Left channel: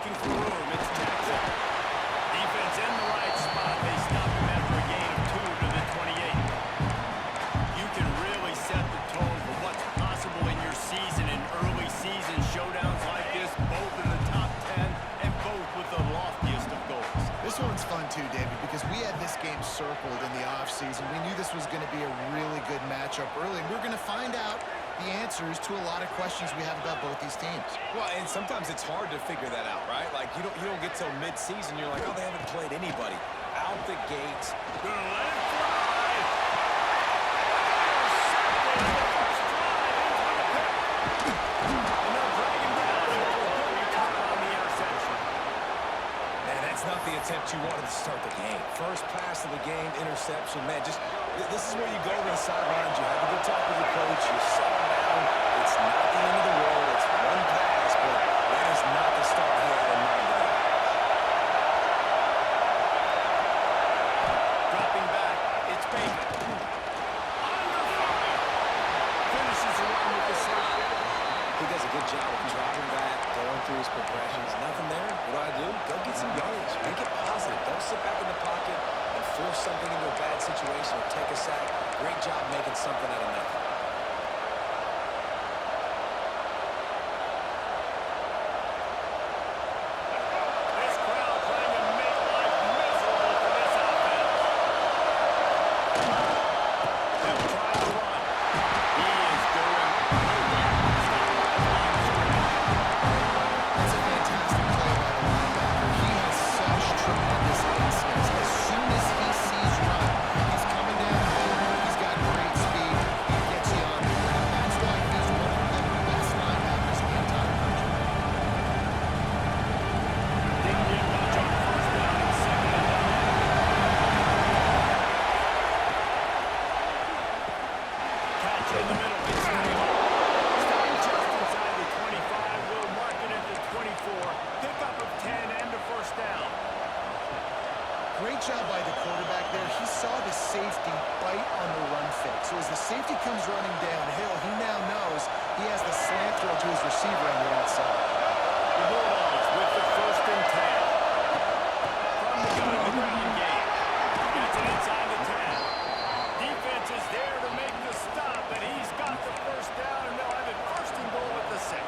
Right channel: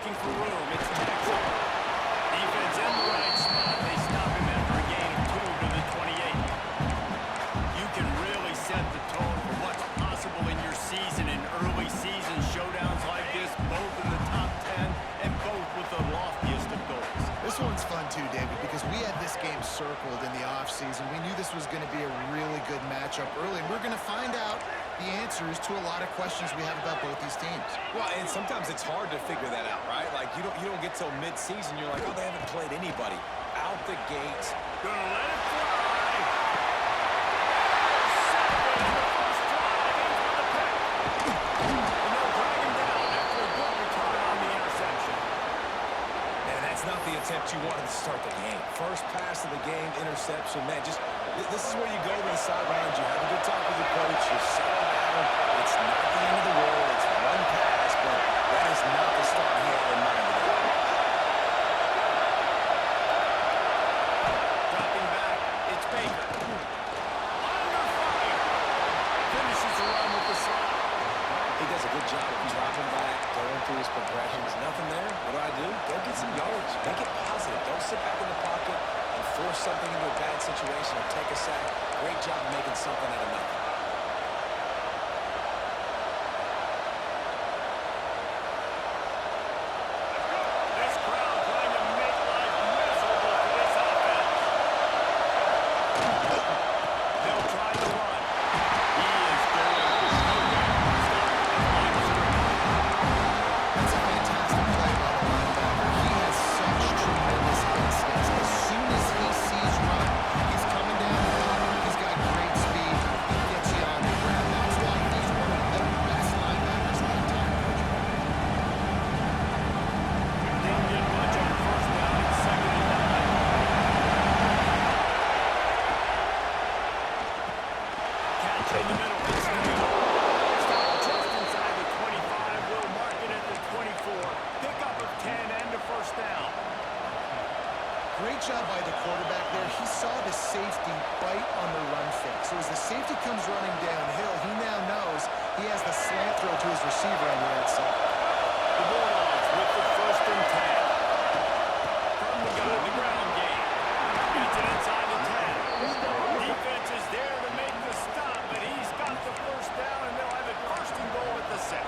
looking for room. It's Jackson. Defense in the right spot. They stop him after a gain of 2 to the 28. You can really set the tone for what's possible in your season in early season showdowns like this, both in the top 10 and both with the loftiest of goals. This one's fun too, David, because we had this game circled in the offseason. We knew this was going to be a really good matchup early, and we're going to find out the answers to a lot of questions we have about both these teams. Well, and sometimes it's hard to figure that out, right? Like, you don't get till mid-season, you're like, oh, they haven't played anybody. Out the gates. Gonna let it fly. Intercepted in the first drive. In for the pick. And they'll drag him down after a good return on the interception. Man, that's not the attempt you wanted to start the game. First pass of the game, interception. Man, just this is where you go to the sidelines. You have a good talk with your coach. You settle down. It's not the end of the world. It's one pass, but that is not the start he had in mind today. Dropping back, it's Baker. Under fire. Finishes the run with the slide. He does a good job of dropping back, going through his progressions. Nothing there. What do? Go get some yards. Make it positive. Don't sit back in the pocket and force something into a bad situation or take a sack. Great job making something out of nothing. This crowd trying to make life miserable for this offense. They'll try to run. He is going nowhere. Stop at the line of scrimmage. That's a fantastic play by the linebacker. He has such tremendous instincts. As soon as he sees run, he's coming downhill. He's got great speed. He gets you on the ground. That's why he's one of the best linebackers in the entire country. Didn't get much on first down and 2nd and 9. Catch in the middle. It's Taylor. Stop just inside the 25. Will mark it at the 24. Pickup of 10 and a first down. Great job by the quarterback there. He saw the safety bite on the run fake. So as the safety comes running downhill, he now knows he has the slant throw to his receiver on the outside. The Bulldogs with the 1st and 10. From the gun, the ground game. Gets it inside the 10. Defense is there to make the stop, but he's got the first down, and they'll have it 1st and goal at the 6.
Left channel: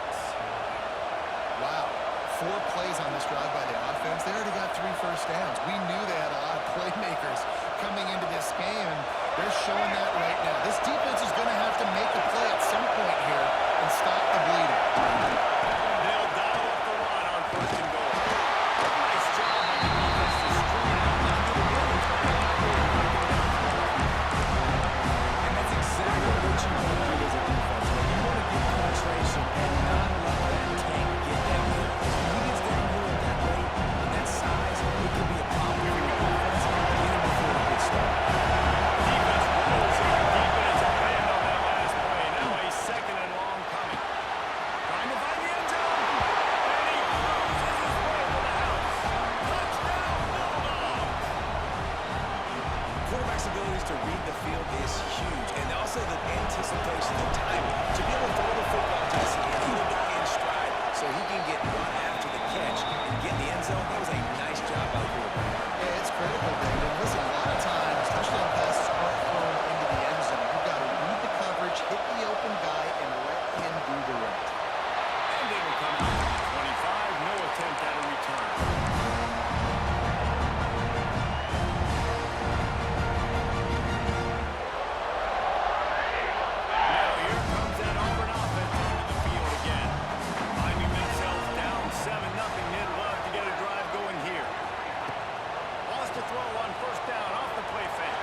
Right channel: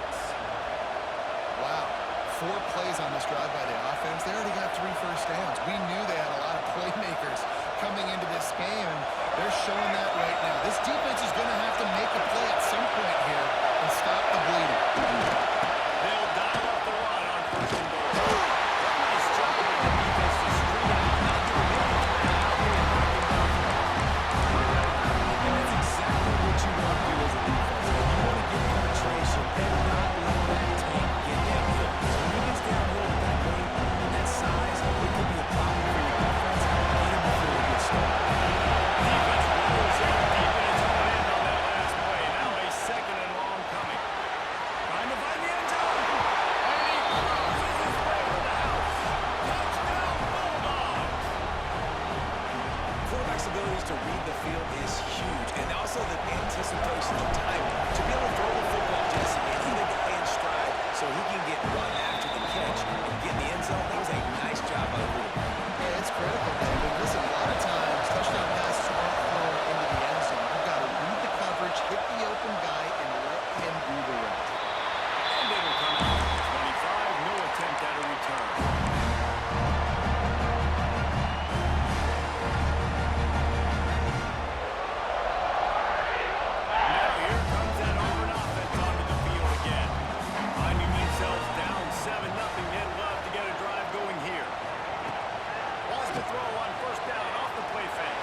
Wow. 4 plays on this drive by the offense. They already got 3 first downs. We knew they had a lot of playmakers coming into this game, and they're showing that right now. This defense is going to have to make a play at some point here and stop the bleeding. They'll dial up the run on 1st and goal. Nice job by the defense to string it out, not giving him any time out there and knocking down the ball. And that's exactly what you want to do as a defense. Man. You want to get penetration and not let that tank get downhill. Because when he gets downhill at that rate and that size, it could be a problem for your defense. Get him before he gets started. Defense rolls in deep in its own end on that last play. Now a 2nd and long coming. Trying to find the end zone. And he cruises his way to the house. Touchdown, Bulldogs! Quarterback's abilities to read the field is huge. And also the anticipation, the time to be able to throw the football, Jesse, and hit a guy in stride so he can get run after the catch and get in the end zone. That was a nice job by the quarterback. Yeah, it's critical, David. Listen, a lot of times, touchdown passes aren't thrown into the end zone. You've got to read the coverage, hit the open guy, and let him do the rest. And it'll come out to the 25. No attempt at a return. Now here comes that Auburn offense onto the field again. Finding themselves down 7-0. They'd love to get a drive going here. Lost a throw on 1st down off the play fake.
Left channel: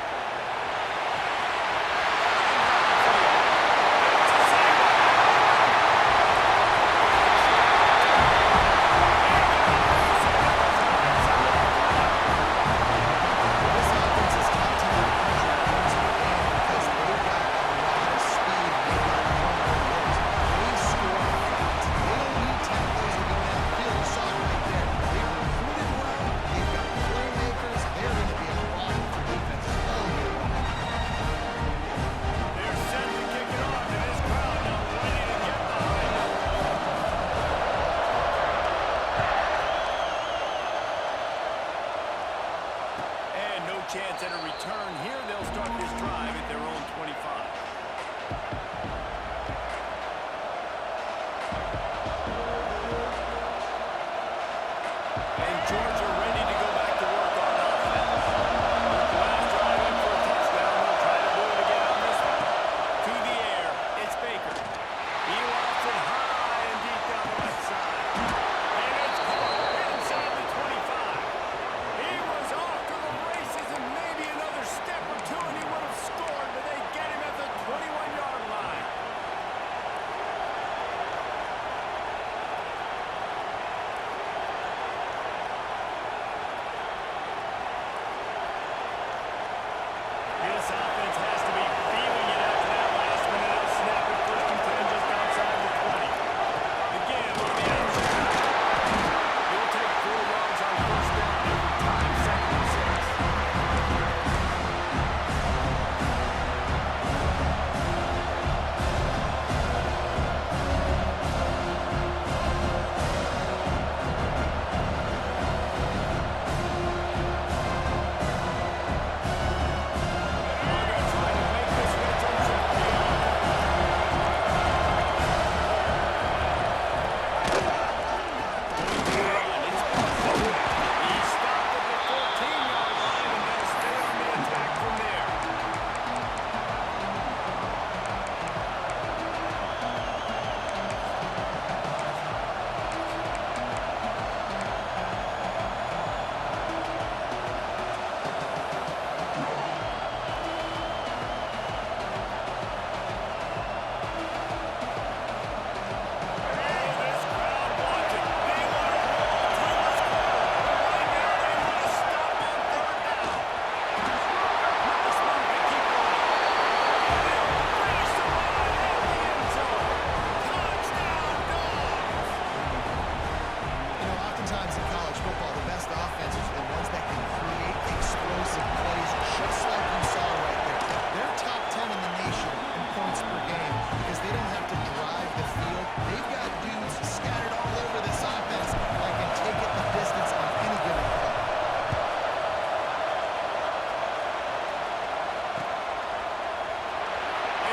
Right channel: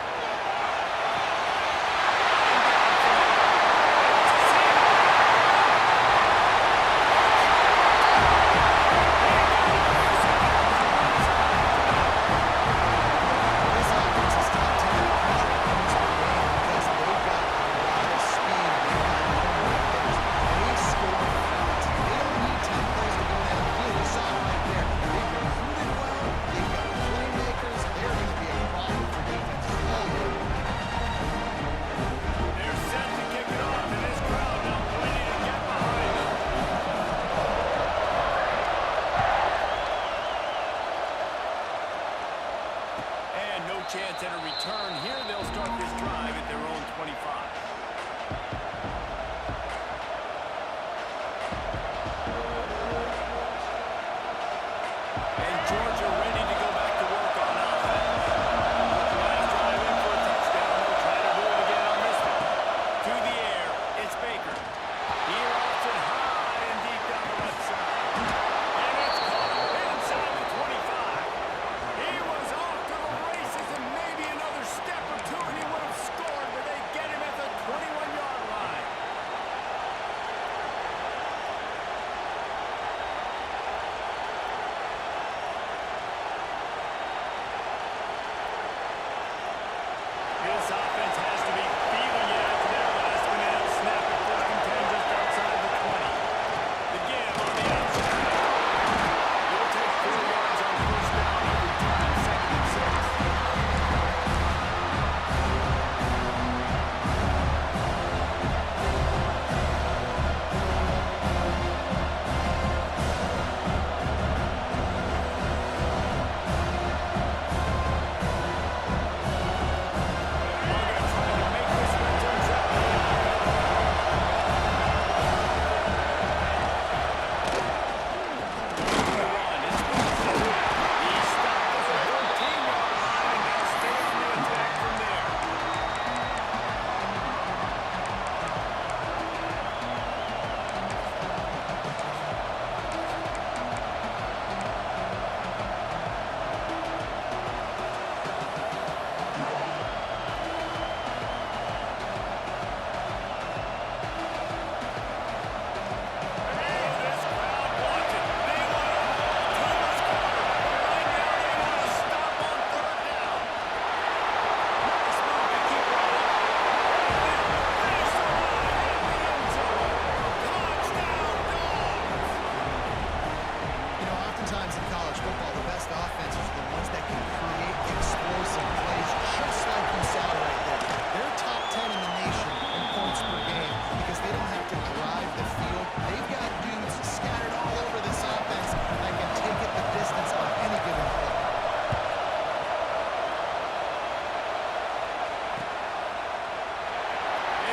times in college football, the best offenses are the ones that can create explosive plays, just like you saw right there. They're top 10 in the nation in points per game because they don't have to drive the field. They've got dudes scattered all over this offense that can take it the distance on any given play.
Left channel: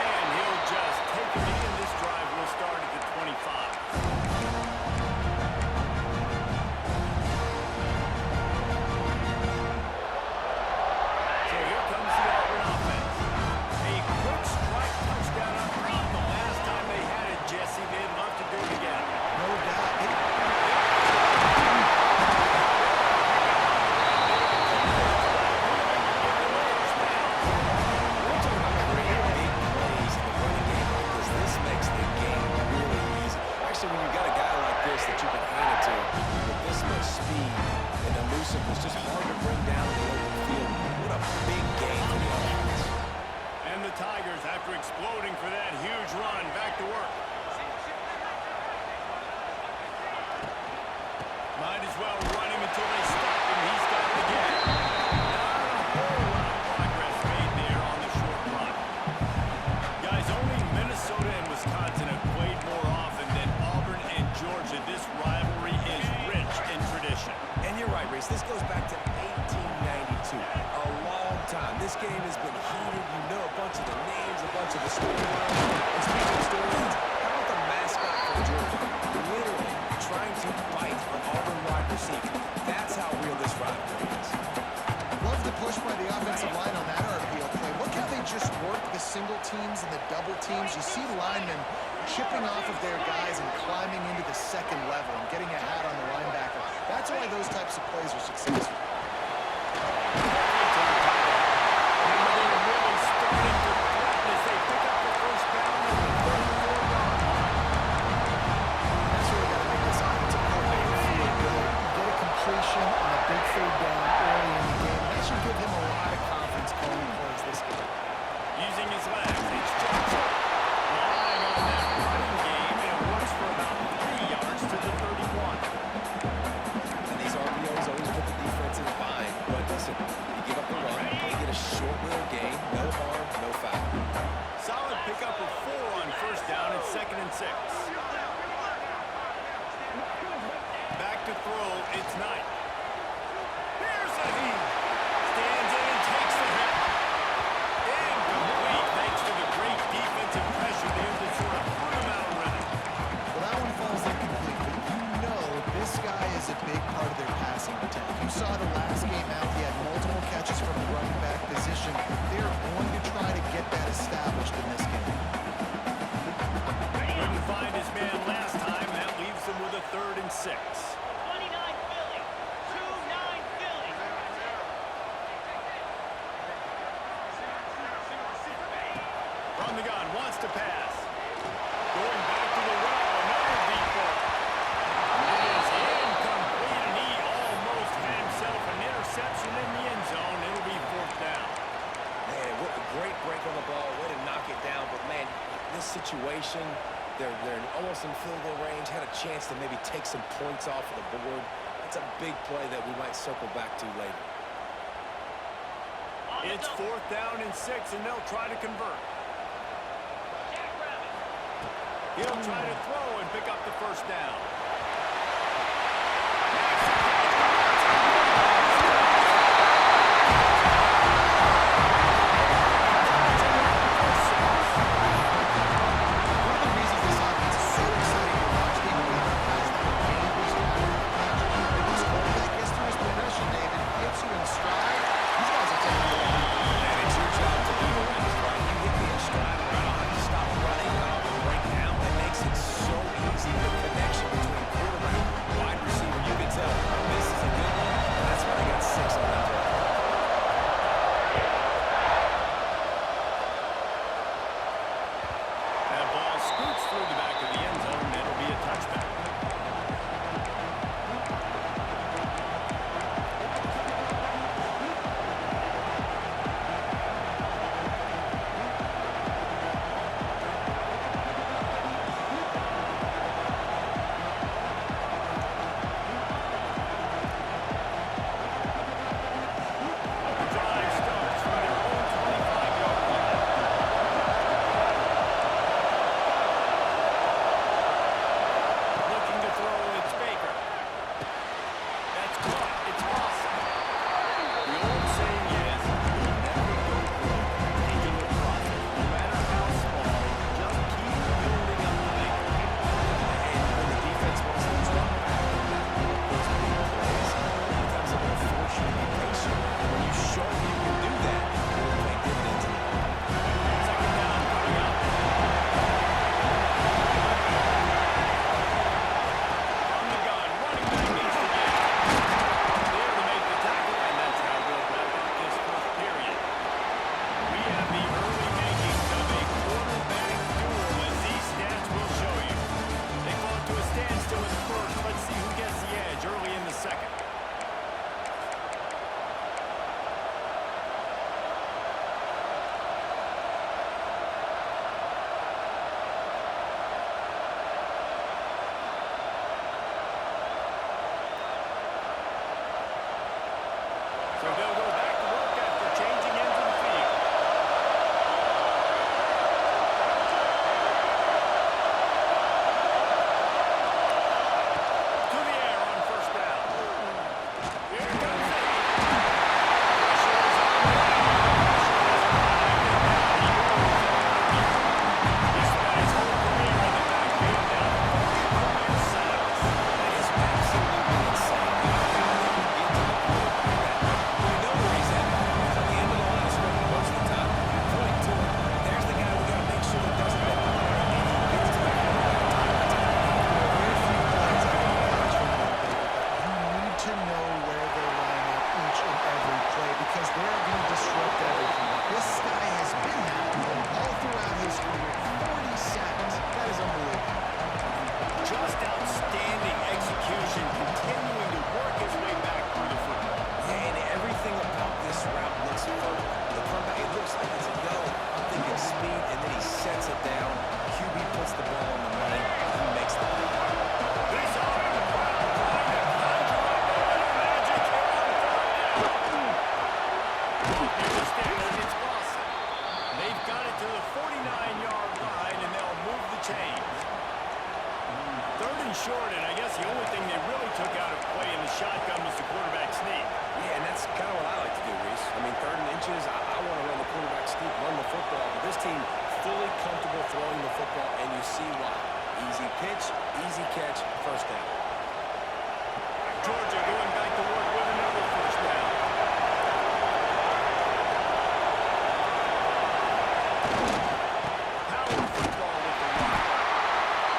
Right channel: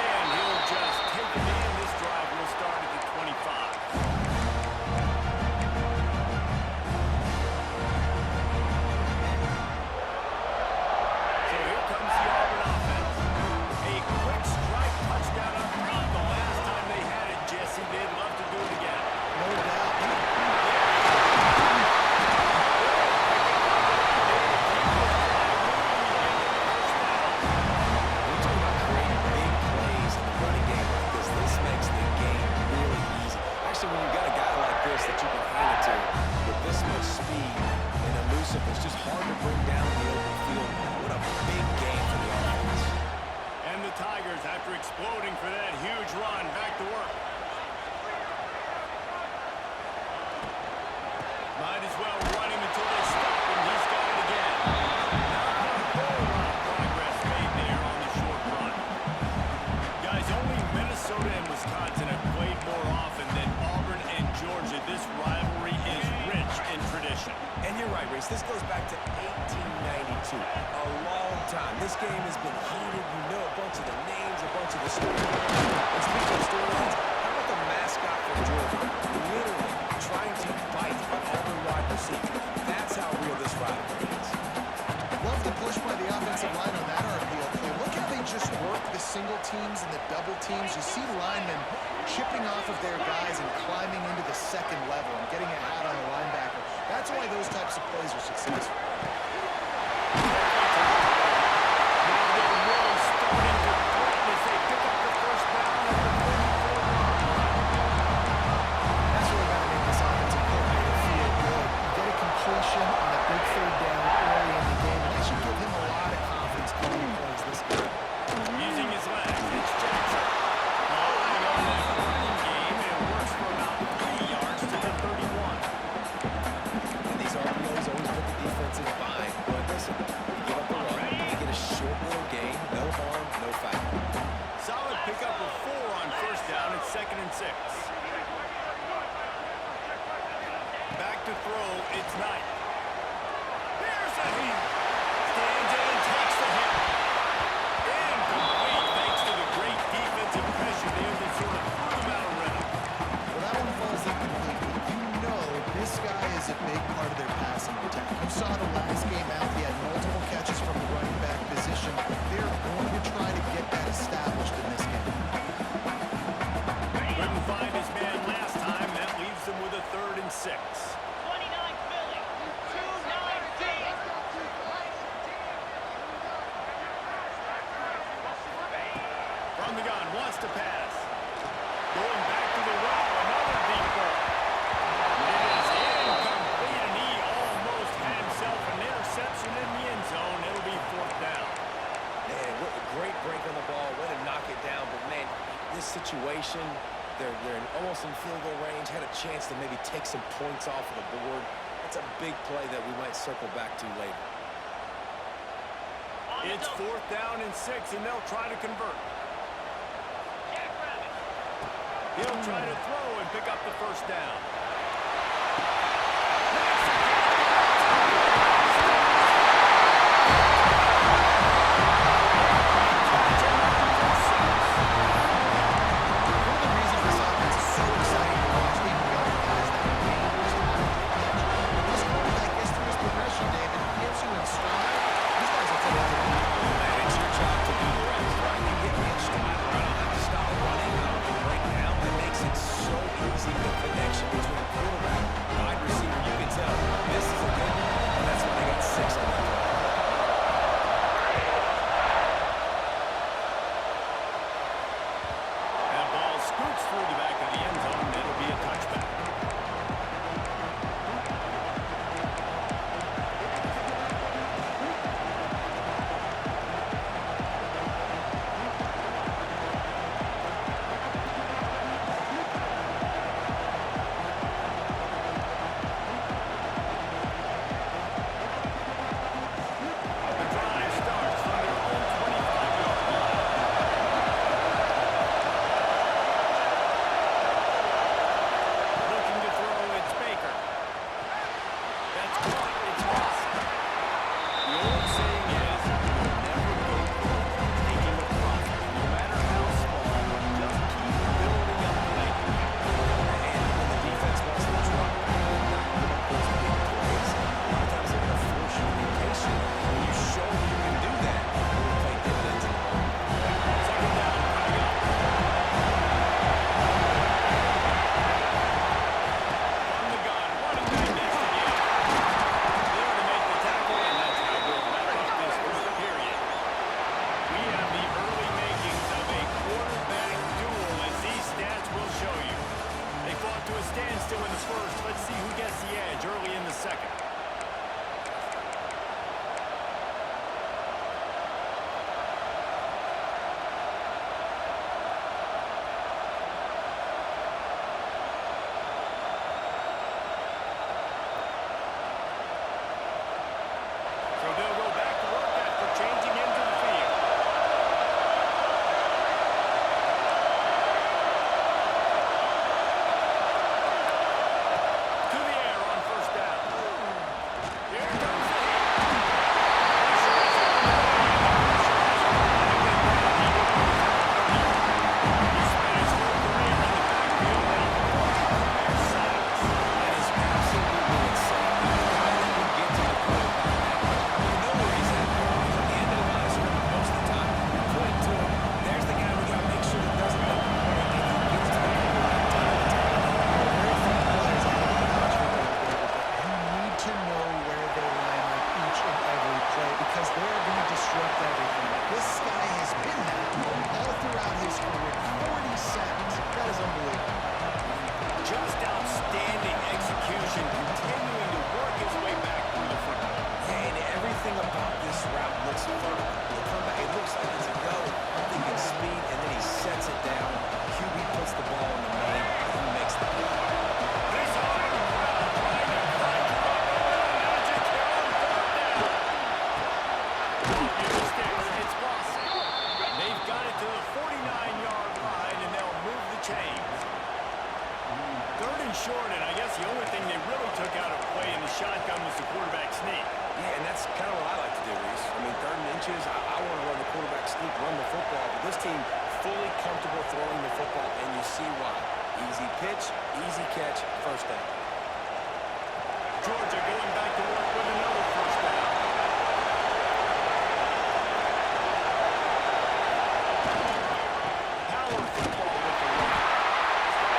And he'll just take a knee, and this drive will start at the 25. Comes the Auburn offense. A quick strike touchdown up top. The last time they had it, Jesse, they'd love to do it again. No doubt. Pick up on the run there to keep this drive moving. You give them the first down. When you talk about creating big plays in the running game like this makes the game really easy. Actually, when you've got a guy like this that you can hand it to with this much speed and elusiveness, just hard to bring down in the open field. What a big game for the offense. And the Tigers, after exploding for that huge run, back to work. Might as well run him until they stop him. He's got it again. Not a whole lot of progress made there on the short run. Guys, only Minnesota and Wisconsin have played more often than Auburn and Georgia. This rivalry is rich in tradition. And you're right, Reese. This goes back to 1892. A long time. This game has been heated. You know a bunch of the names, a bunch of the storylines. And speaking of storylines, how about the mascot for Georgia? Literally trying to bite an Auburn wide receiver. That's how real this rivalry is. Love the push by the offensive line on that RPO play. Look how they just work the single teams and the double teams. You see linemen chipping off of their guys and climbing into the second level and getting a hat on the linebacker. That's why those types of plays are successful. Now they're really starting to threaten as they pick up the first down at the 34-yard line. That's really got to make this offensive coordinator feel good. You get a completion on a big third down early in the game, and that should give him a lot of confidence calling plays this game. Using his legs, it's Jackson. Relying on that running game, it works for about 3 yards to the 31. And these RPOs always put the defense in a bind. But listen, you give up the run, you get a short little gain, no harm, no foul. Solid pickup of 4 on first down at 2nd and 6. Back to throw, it's Knight. Here's a hit. Stands in and takes the hit. Incomplete thanks to the great defensive pressure there that sort of threw him out of rhythm. Well, that one falls incomplete, but you know this guy is a big part of their passing attack. You saw the last game out, he had multiple catches from the running back position. They're going to try to get that established in this game. Couldn't find his man last time. That leaves them with a 3rd and 6. 29 Philly. 2-9 Philly. From the gun, wants to pass. Going back to the well, another deep ball. It is incomplete, and he almost had himself an interception in the end zone. It'll be 4th down. Man, what a great break on the ball. Way to knock it down. But, man, this situation, they're almost in field goal range. Had a chance to maybe take some points off of the board. That's a big play that we might circle back to later. It's 4th down and 6, and they'll try to convert. He'll try to throw and pick up the first down. Makes the catch. One of the reasons this offense is so exciting to watch, they've got guys that are dangerous after the catch. When this quarterback gets through his progression, David, hits you in stride, these guys will take it to the house. Man, it's your job to do the rest, right? You hit me in stride, or I don't have to stop running. I don't have to break down. That makes it so easy. The connection between quarterback, wide receiver, you can tell this is a good one, and that's why they got 6 on that play. That ball scoots through the back of the end zone, and it'll be a touchback. because they're going to disrupt everything. This guy has been that all throughout his career. 40 sacks. That is unbelievable. Just outstanding execution, continuing to work his way back through the football. And everything about this route looks vertical. The comeback, it looks like it's a go. I'm thinking speed, and then he sets it down. QB puts the ball in the money, and he makes the play. This Auburn crowd trying to conjure up a little magic here on third down. Off near the sticks, it's Lawson. They've got it to the 49-yard line, and they'll move the chains. Third and short, and I guess the only thing they really took out of play in the shotgun was the quarterback sneak. Yeah, and that's kind of what I like to do, Reese. I mean, 3rd and inches, I want to run the quarterback sneak, run the football, but this team fully comfortable throwing the football, and you see why. Easy pitch, easy catch, first down. Georgia going back to work with another first down. Power football with the run.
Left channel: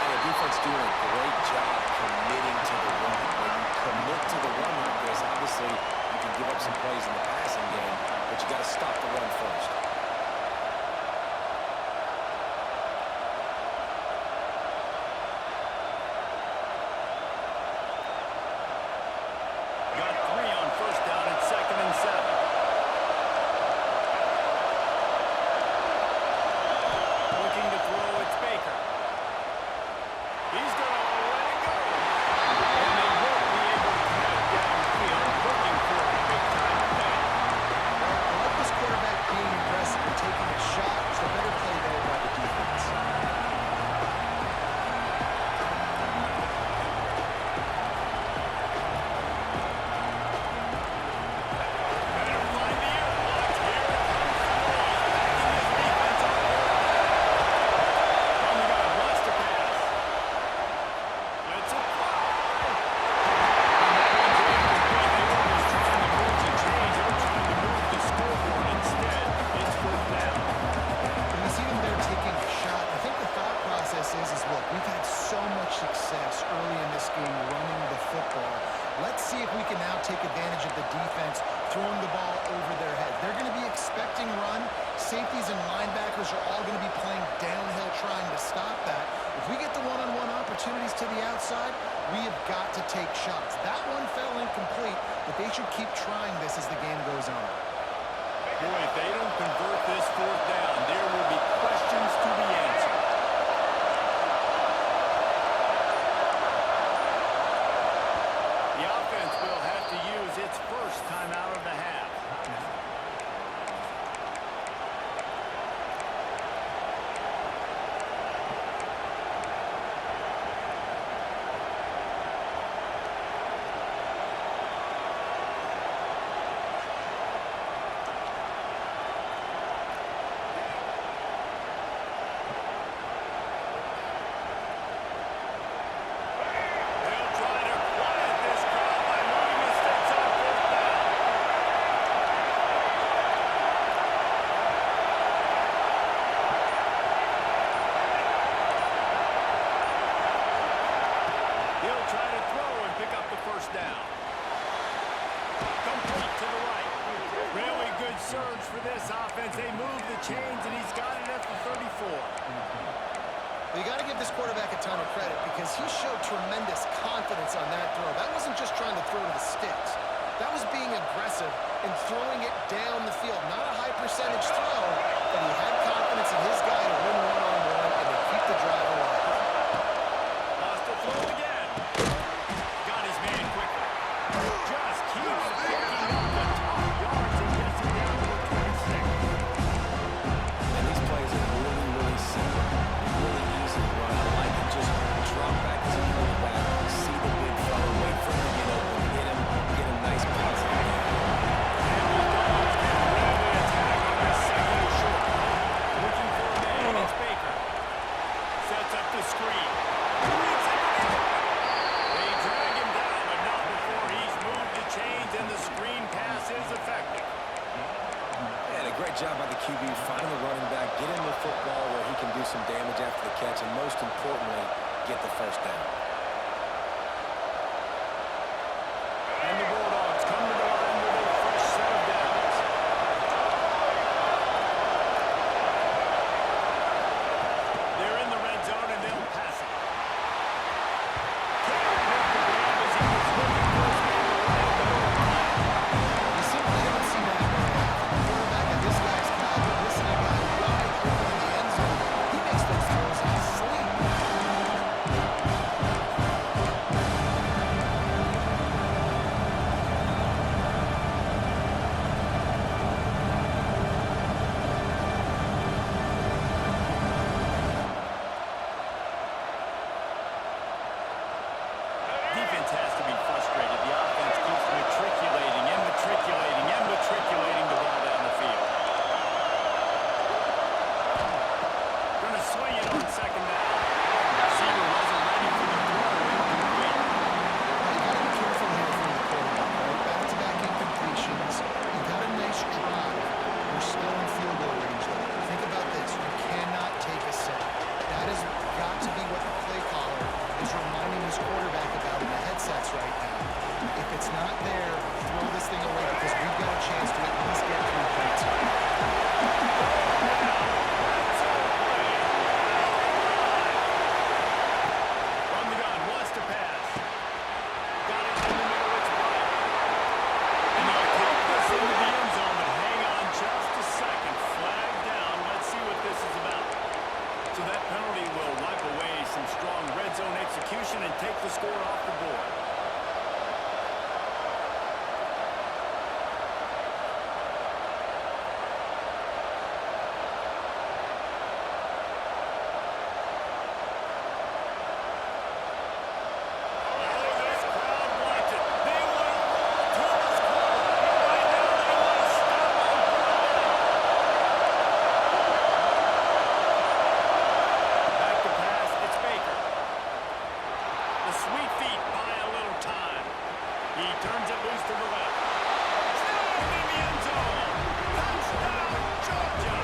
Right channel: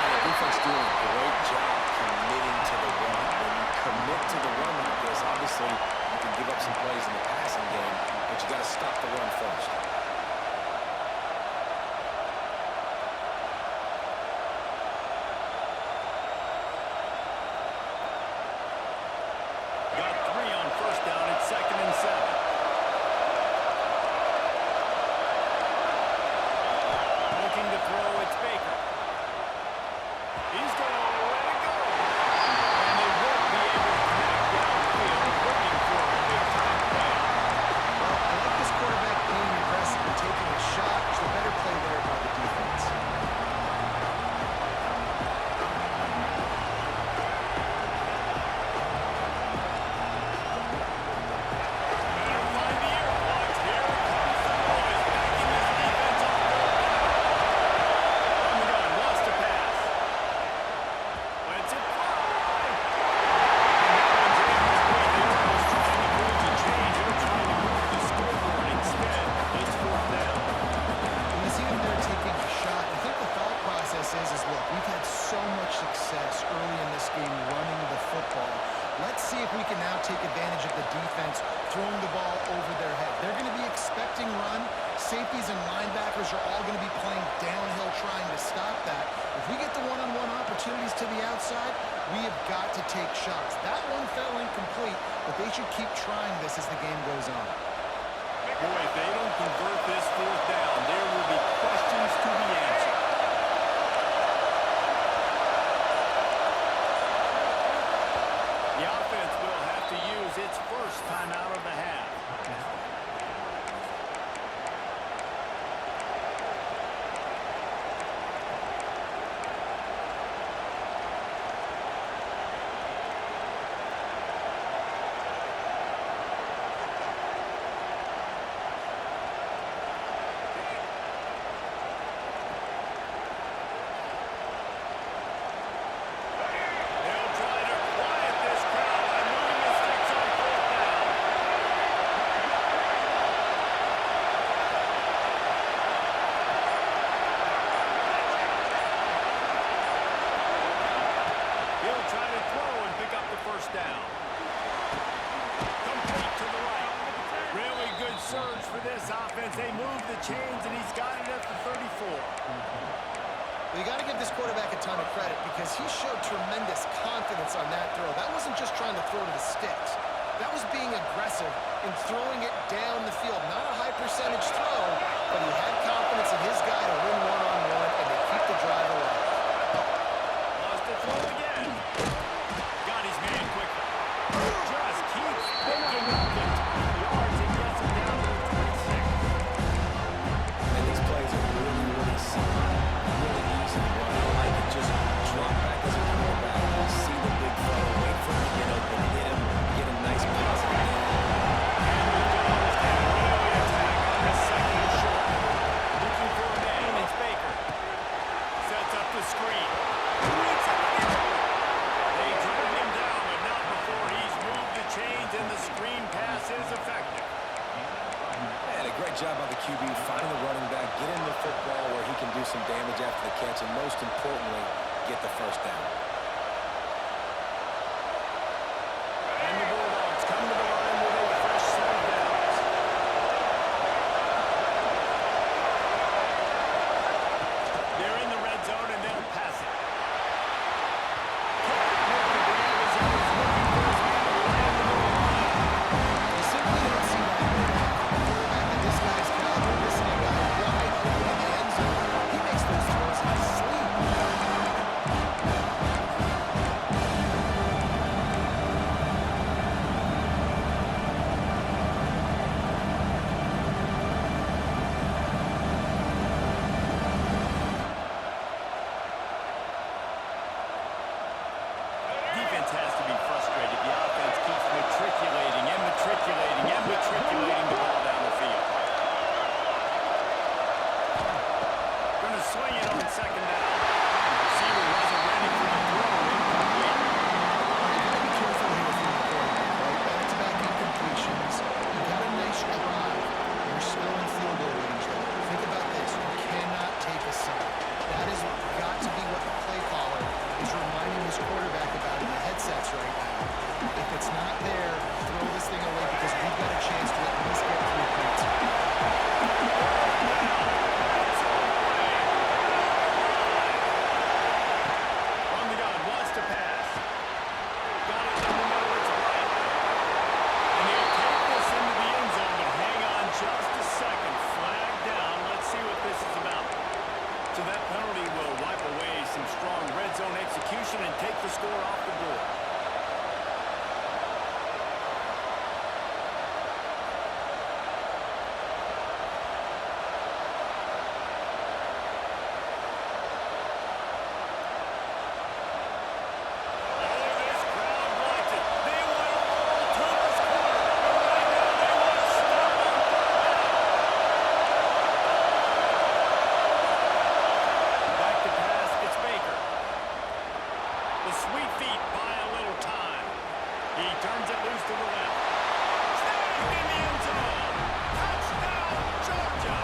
And the defense doing a great job committing to the run. When you commit to the run like this, obviously you can give up some plays in the passing game, but you got to stop the run first. Got 3 on first down at 2nd and 7. Looking to throw, it's Baker. He's going to let it go. And they won't be able to connect downfield, looking for a big-time play. Well, I like this quarterback being aggressive and taking a shot. It's the better play there by the defense. Better find the air blocks. Here comes the noise, backing this defense on third down. From the gun, wants to pass. Lets it fly. And that one's incomplete. They weren't just trying to move the chains. They were trying to move the scoreboard. Instead, it's 4th down. When you see them there taking a shot, I think the thought process is look, we've had so much success early in this game running the football. Let's see if we can now take advantage of the defense throwing the ball over their head. They're going to be expecting run. Safeties and linebackers are all going to be playing downhill trying to stop that. If we get the one-on-one opportunities to the outside, we have got to take shots. That one fell incomplete, but they should keep trying this as the game goes on. Boy, if they don't convert this 4th down, there will be questions to be answered. The offense will have to use its first timeout of the half. They'll try to quiet this crowd by moving the sticks on 4th down. He'll try to throw and pick up the first down. Complete to the right. Really good surge for this offense. They move the chains, and he's got it at the 34. Well, you got to give this quarterback a ton of credit because he showed tremendous confidence on that throw. That wasn't just trying to throw to the sticks. That was being aggressive and throwing it down the field. Not a high percentage throw, but he had confidence in his guy to win one-on-one, and they keep the drive alive. Lost a throw again. Got his man quickly. Just keeps picking up the tough yards and gets him down to the 26. And these plays are really, really simple. Really easy to run. I like it. Just drop back as a quarterback. See the big fella. Wait for him to get open. Hit him. Get a nice positive game. And the Dogs can really attack on this 2nd and short. Looking for a man. It's Baker. Sets up the screen. Reads into the open. They drag him down, but not before he's moved the chains and the screen pass is effective. And a great job by the QB finding the running back, get him the football where he can do some damage after the catch, and most importantly, get the first down. And the Bulldogs come to the line with a fresh set of downs. to sling it on second down. Receiver wasn't ready for the throw. Incomplete. All right, you got to be careful here for the quarterback, right? Back-to-back incompletions. You've had a nice drive. You're still in field goal range, though. Think about this. You cannot take a sack. That has got to be what the play caller is reminding his quarterback about in the headsets right now. If it's not there, throw this thing away because we've got a chance to at least get 3 points. From the gun, wants to pass. Got it in the middle, it's right. And he'll take this into the end zone, but hang on just a second. Flag down. Let's see what this is about. So that penalty will wipe away some strong red zone execution and take the score off the board. The sweet feet buy a little time. He turns it loose to the left. Snagged in the end zone. Touchdown, Georgia.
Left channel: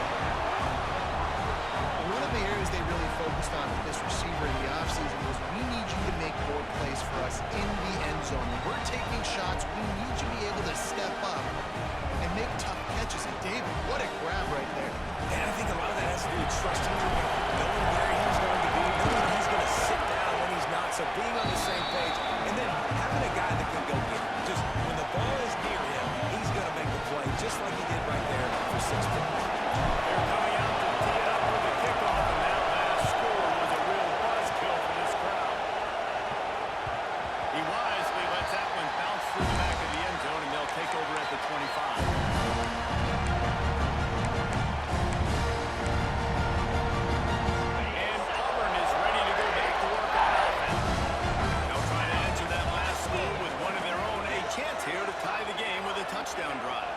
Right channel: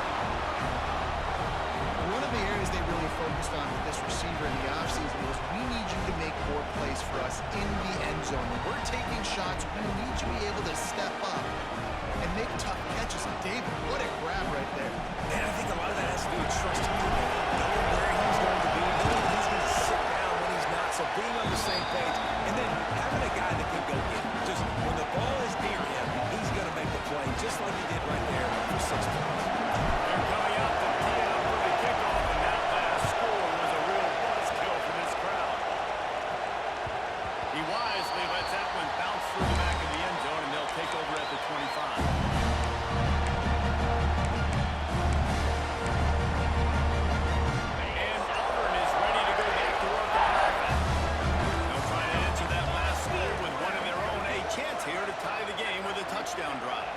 One of the areas they really focused on with this receiver in the offseason was we need you to make more plays for us in the end zone. When we're taking shots, we need you to be able to step up and make tough catches. And David, what a grab right there. And I think a lot of that has to do with trusting your guy, knowing where he's going to be, knowing he's going to sit down when he's not, so being on the same page, and then having a guy that can go get it. Just when the ball is near him, he's going to make the play, just like he did right there for 6 points. They're coming out to tee it up for the kickoff, and that last score was a real buzzkill for this crowd. He wisely lets that one bounce through the back of the end zone, and they'll take over at the 25. Chance here to tie the game with a touchdown drive.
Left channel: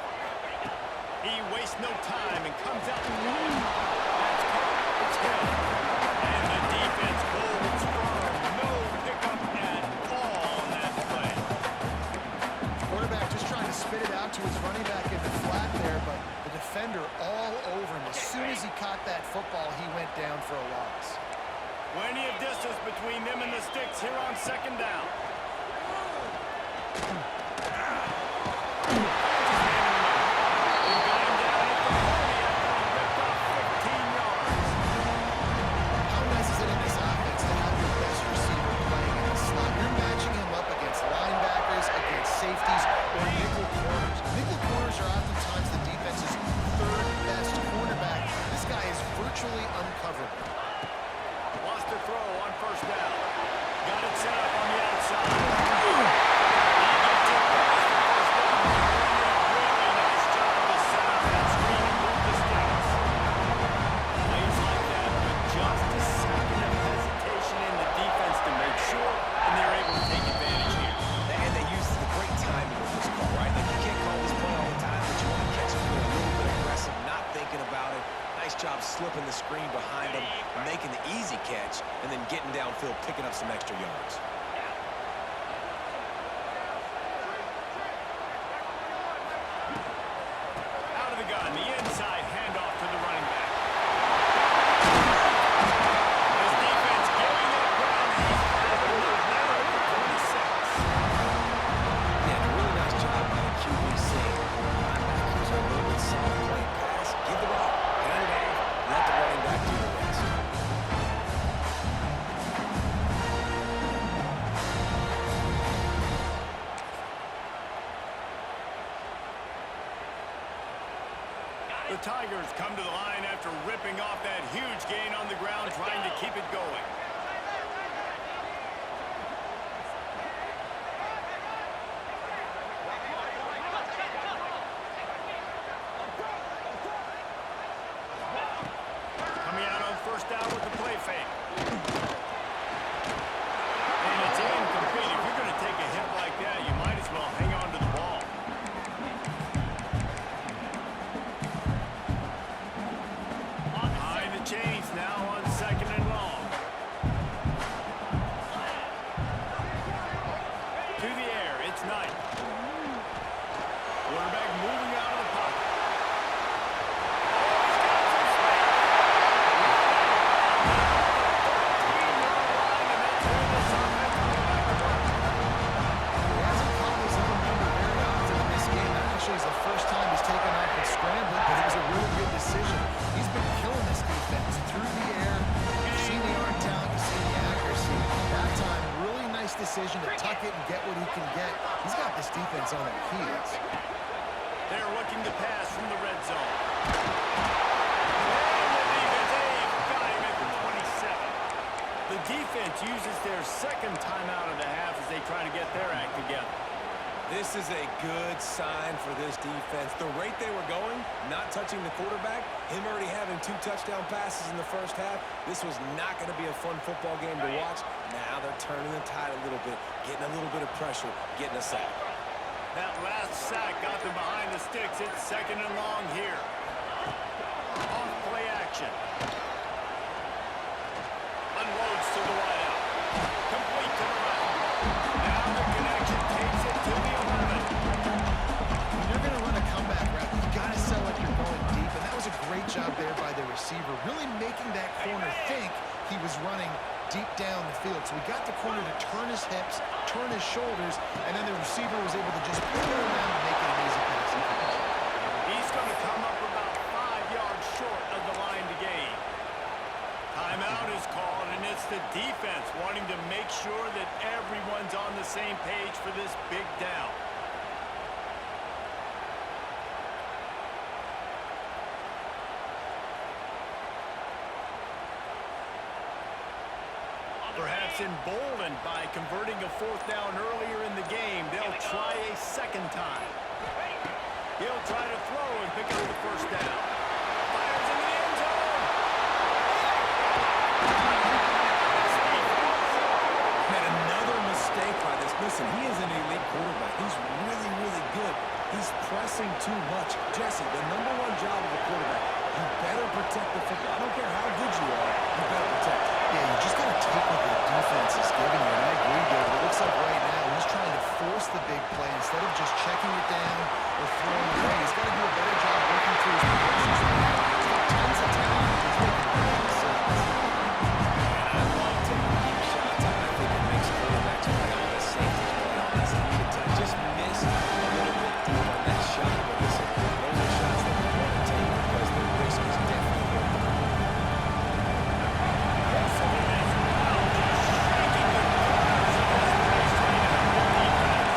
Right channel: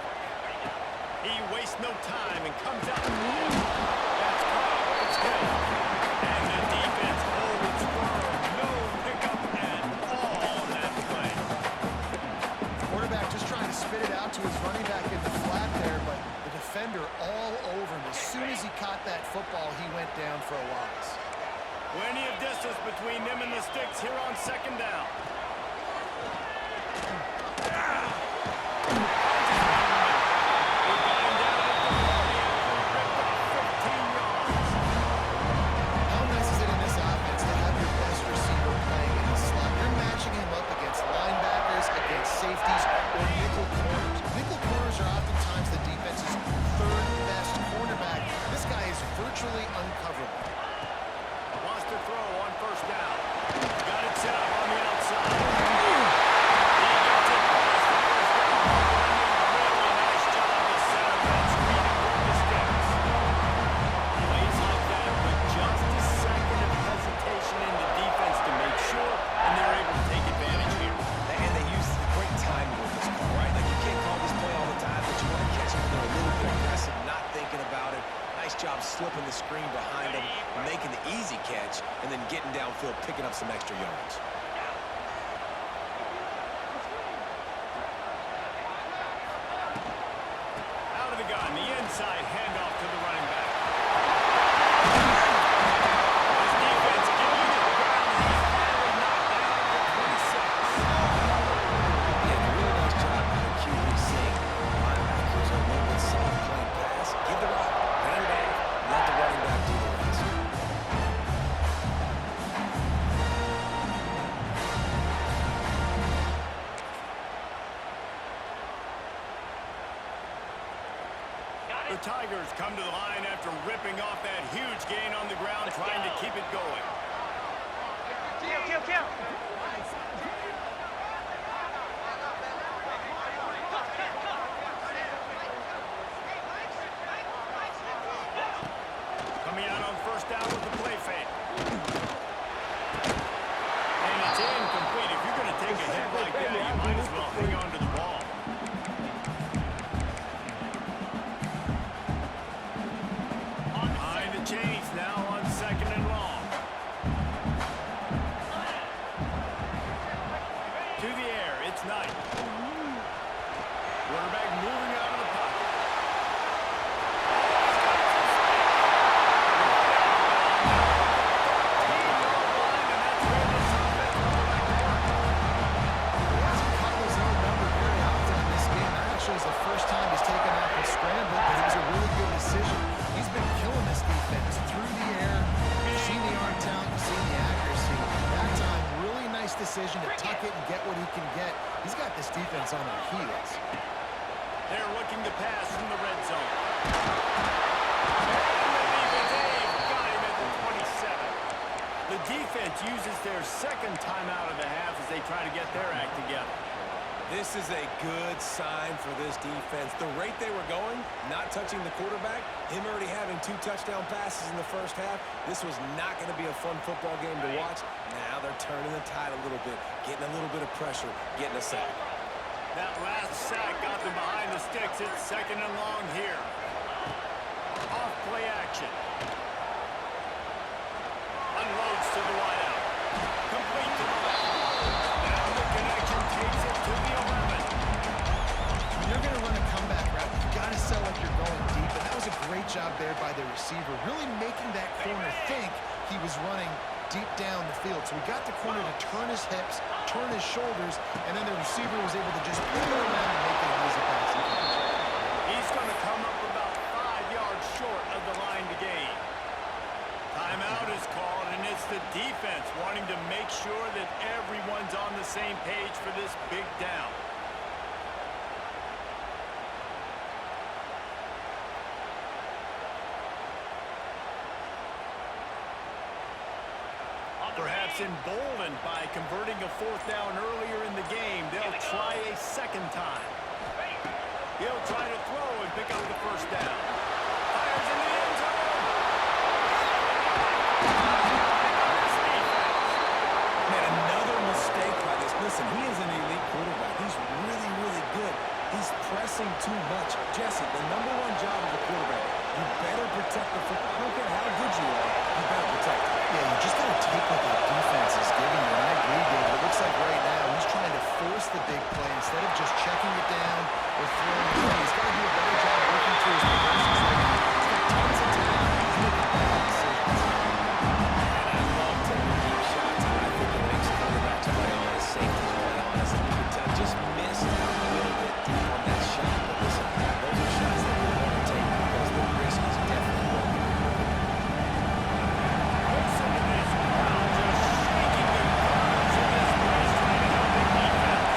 He wastes no time and comes out and rolling. That's caught. It's held. And the defense holds firm. No pickup at all on that play. Quarterback just trying to spit it out to his running back in the flat there, but the defender all over him. As soon as he caught that football, he went down for a loss. Plenty of distance between them and the sticks here on second down. Safeties or nickel corners. Nickel corners are oftentimes the defense's third best cornerback. This guy is virtually uncoverable. Wants to throw on first down. Got it set up on the outside. He gets it past the first down marker, and a really nice job to set up that screen and move the sticks. Plays like that with just a second of hesitation in the defense to make sure, and they're able to take advantage here. And they use the great timing with this call, right? Like, you can't call this play all the time, but you want to catch them when they're a little bit aggressive, not thinking about it. Nice job slipping the screen behind them, making the easy catch, and then getting downfield, picking up some extra yards. Out of the gun, the inside handoff to the running back. His defense giving up ground. He's finally knocked down at the 26. Yeah, and a really nice job by the QB seeing linebackers are a little bit soft playing pass. Give the route, hand it off, let the running back do the rest. The Tigers come to the line after ripping off that huge gain on the ground, trying to keep it going. Coming out on first down with the play fake. And it's incomplete. If you're going to take a hit like that, you might as well hang on to the ball. Behind the chains now on night. Quarterback moving out of the pocket. It's the first time he's taken off and scrambled, but it was a really good decision. He's been killing this defense through the air. You've seen the arm talent, you've seen the accuracy. That time, really nice decision to tuck it and get what he can get. He's got this defense on their heels. They're looking to pass from the red zone. And the defense, got him at the 27. The defense uses their second timeout of the half as they try to get their act together. This is a good sign for this defense. The rate they were going, not touching the quarterback, him already having 2 touchdown passes in the first half, this was not going to be a fun football game to watch. Now they're turning the tide a little bit, getting a little bit of pressure, getting a sack. That last sack got them behind the sticks. It's second and long here. Off play action. Unloads to the wideout. Complete to the left. Now the connection takes it to the 11. When you're going to run a comeback route, you've got to sell like you're going deep, and that was a great job there by the receiver, really making that corner think he was running deep down the field. So he got the corner to turn his hips, turn his shoulders, and then the receiver was able to just pull it around and make it an easy passing catch. He's going to come up about 5 yards short of the line to gain. Timeout is called, and it's the defense wanting to make sure that everyone's on the same page for this big down. Perhaps emboldened by converting a 4th down earlier in the game, they'll try a second time. He'll try to throw and pick up the first down. Fires into the end zone. Man, another mistake by this. Listen, he is an elite quarterback. He's really, really good. He's pressing too much. Jesse, the #1 job of a quarterback, you better protect the football. I don't care how good you are, you better protect it. Yeah, you just got to take what the defense is giving you, and I agree, David. It looks like right now he's trying to force the big play instead of just checking it down or throwing it away. He's got to do a better job working through his progressions right now. He's got tons of talent. He's making bad decisions. And I love taking deep shots. I think it makes quarterbacks play honest, safeties play honest, and you can tell just missed a little bit deep on that shot. But listen, those are shots that we want to take because the risk is definitely worth it. Listen to this crowd just shaking the corners of this place trying to help their defense.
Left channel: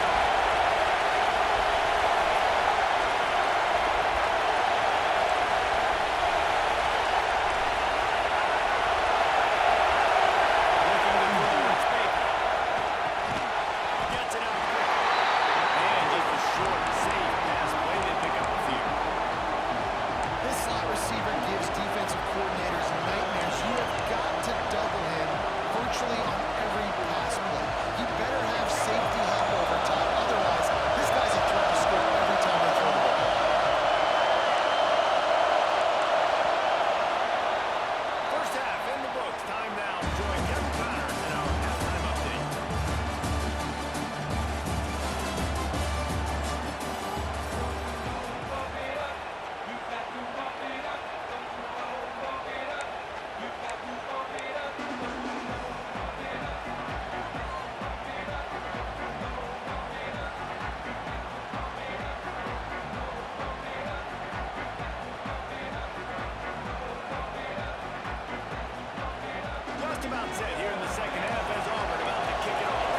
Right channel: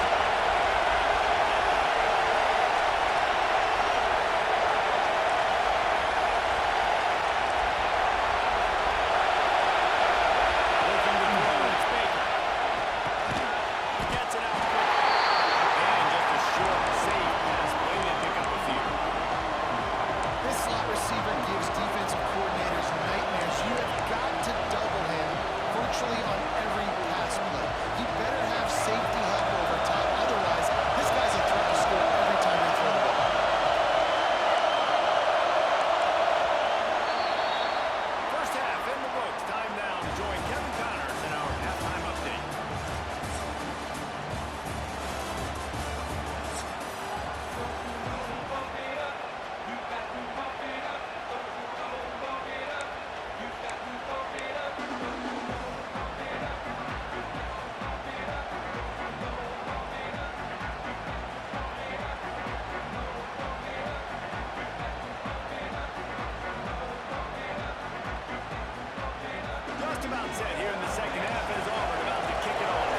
Looking to throw, it's Baker. Gets it out quickly. And just a short, safe pass play. They pick up a few. This slot receiver gives defensive coordinators nightmares. You have got to double him virtually on every pass play. He better have safety help over top. Otherwise, this guy's a threat to score every time they throw the ball. First half in the books. Time now to join Kevin Connors in our halftime update. Just about set here in the second half as Auburn about to kick it off.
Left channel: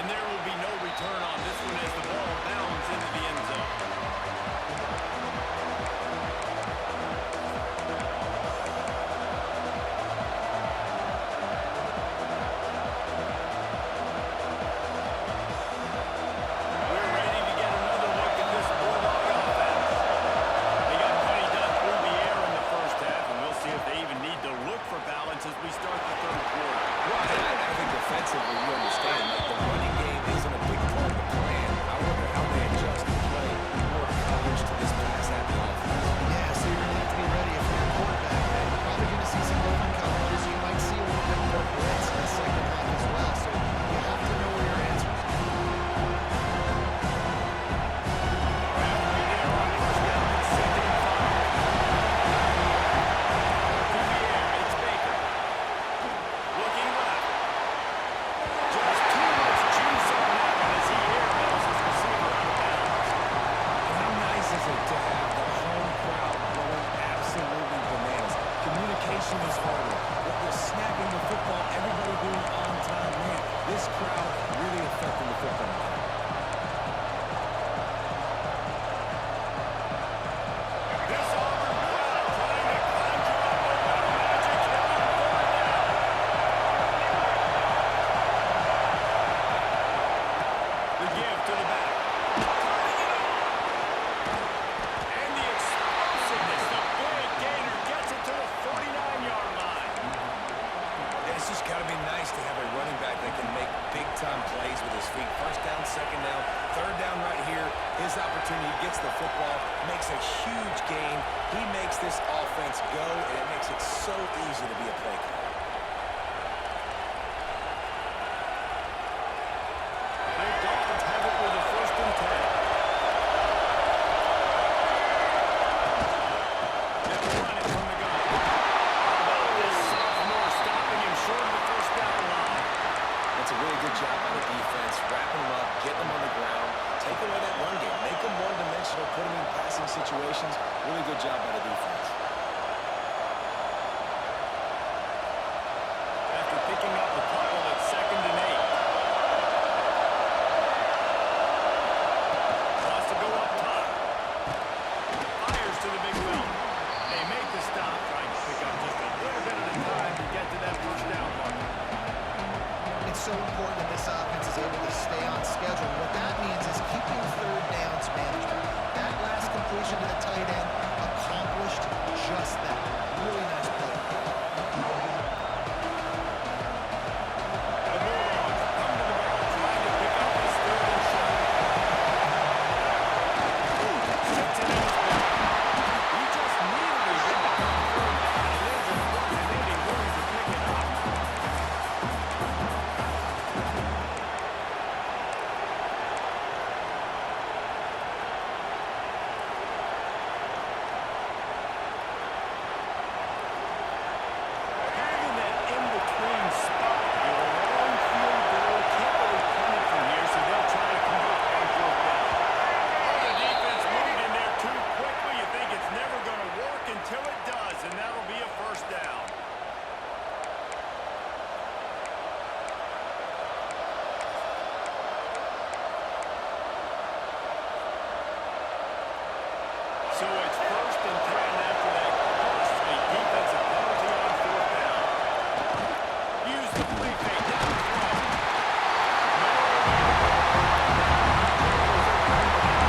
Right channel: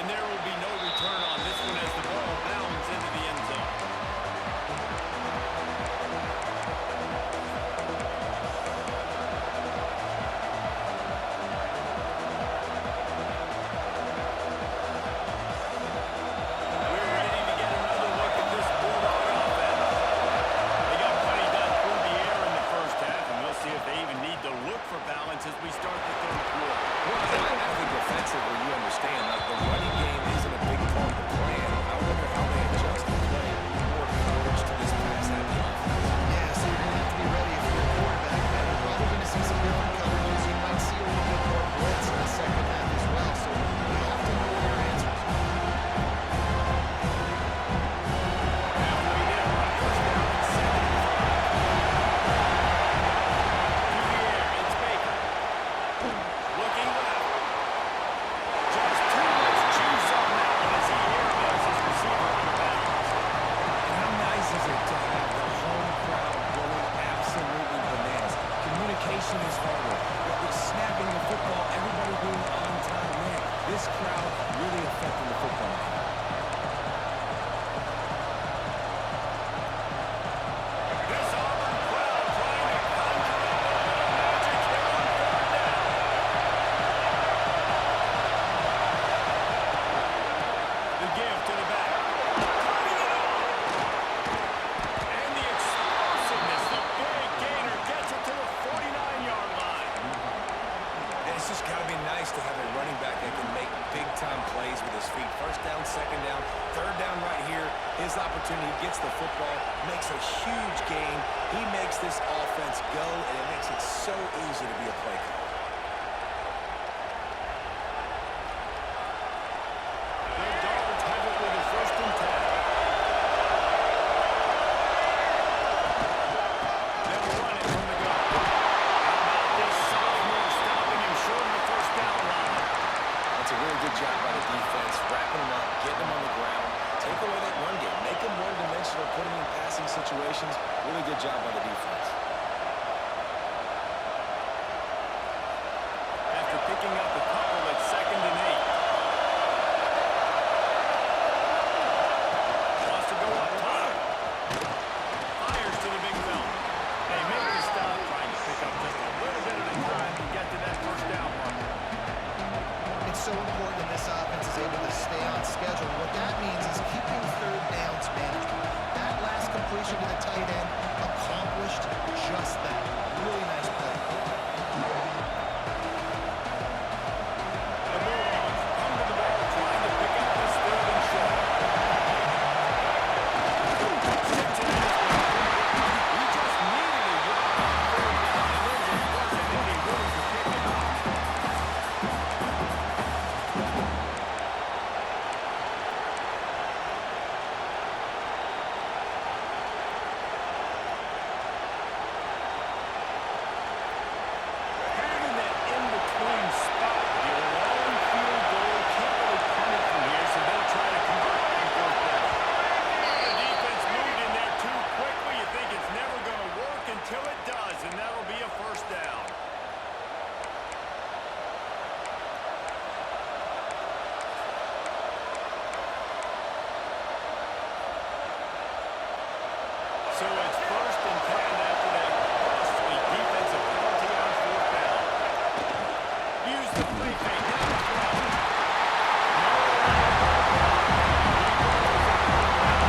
And there will be no return on this one as the ball bounds into the end zone. We're ready to get another look at this Bulldog offense. They got plenty done through the air in the first half, and we'll see if they even need to look for balance as we start the third quarter. Well, I think defensively, you understand, like the running game isn't a big part of the plan. I wonder how they adjust and play more coverage to this pass execution is harder. The snapping the football, everybody being on time. Man, this crowd really affecting the football game. This Auburn crowd trying to conjure up a little magic here on third down. The give to the back. Turning it on. And the explosiveness, the big gainer gets it to the 49-yard line. And it's just got to be nice to have a running back that can make big-time plays with his feet. First down, second down, third down right here. His opportunity, he gets the football, makes a huge gain. He makes this offense go, and it makes it so easy to be a play caller. The Dogs have it with a 1st and 10. They'll run it from the gun. How about this sophomore stopping him short of the 1st down line? That's a really good job by the defense, wrapping them up, getting them on the ground, take away that run game, make them one-dimensional, put them in passing situations. Really good job by the defense. After picking up a couple at 2nd and 8. Wants to go up top. Fires to the big fella. They make the stop, trying to pick up just a little bit at a time to get to that 1st down marker. It's so important that this offense is able to stay on schedule. What that means is keeping third downs management. That last completion to the tight end accomplished just that. Really nice play. The Bulldogs come to the ball trying to pick up this 3rd and short. Sticks it in his back. He just needed a yard on 3rd down, and there just wasn't any room to pick it up. Kind of in that in-between spot here. Long field goal. Can't really punt it from here, so they'll try to convert on 4th down. Oh, the defense moved in there too quickly. You think it's never going to work until it does, and that'll be a 1st down. So it's 1st and 10 after that costly defensive penalty on 4th down. Use the play fake down the throw. Nowhere to go right now. He goes at the 39.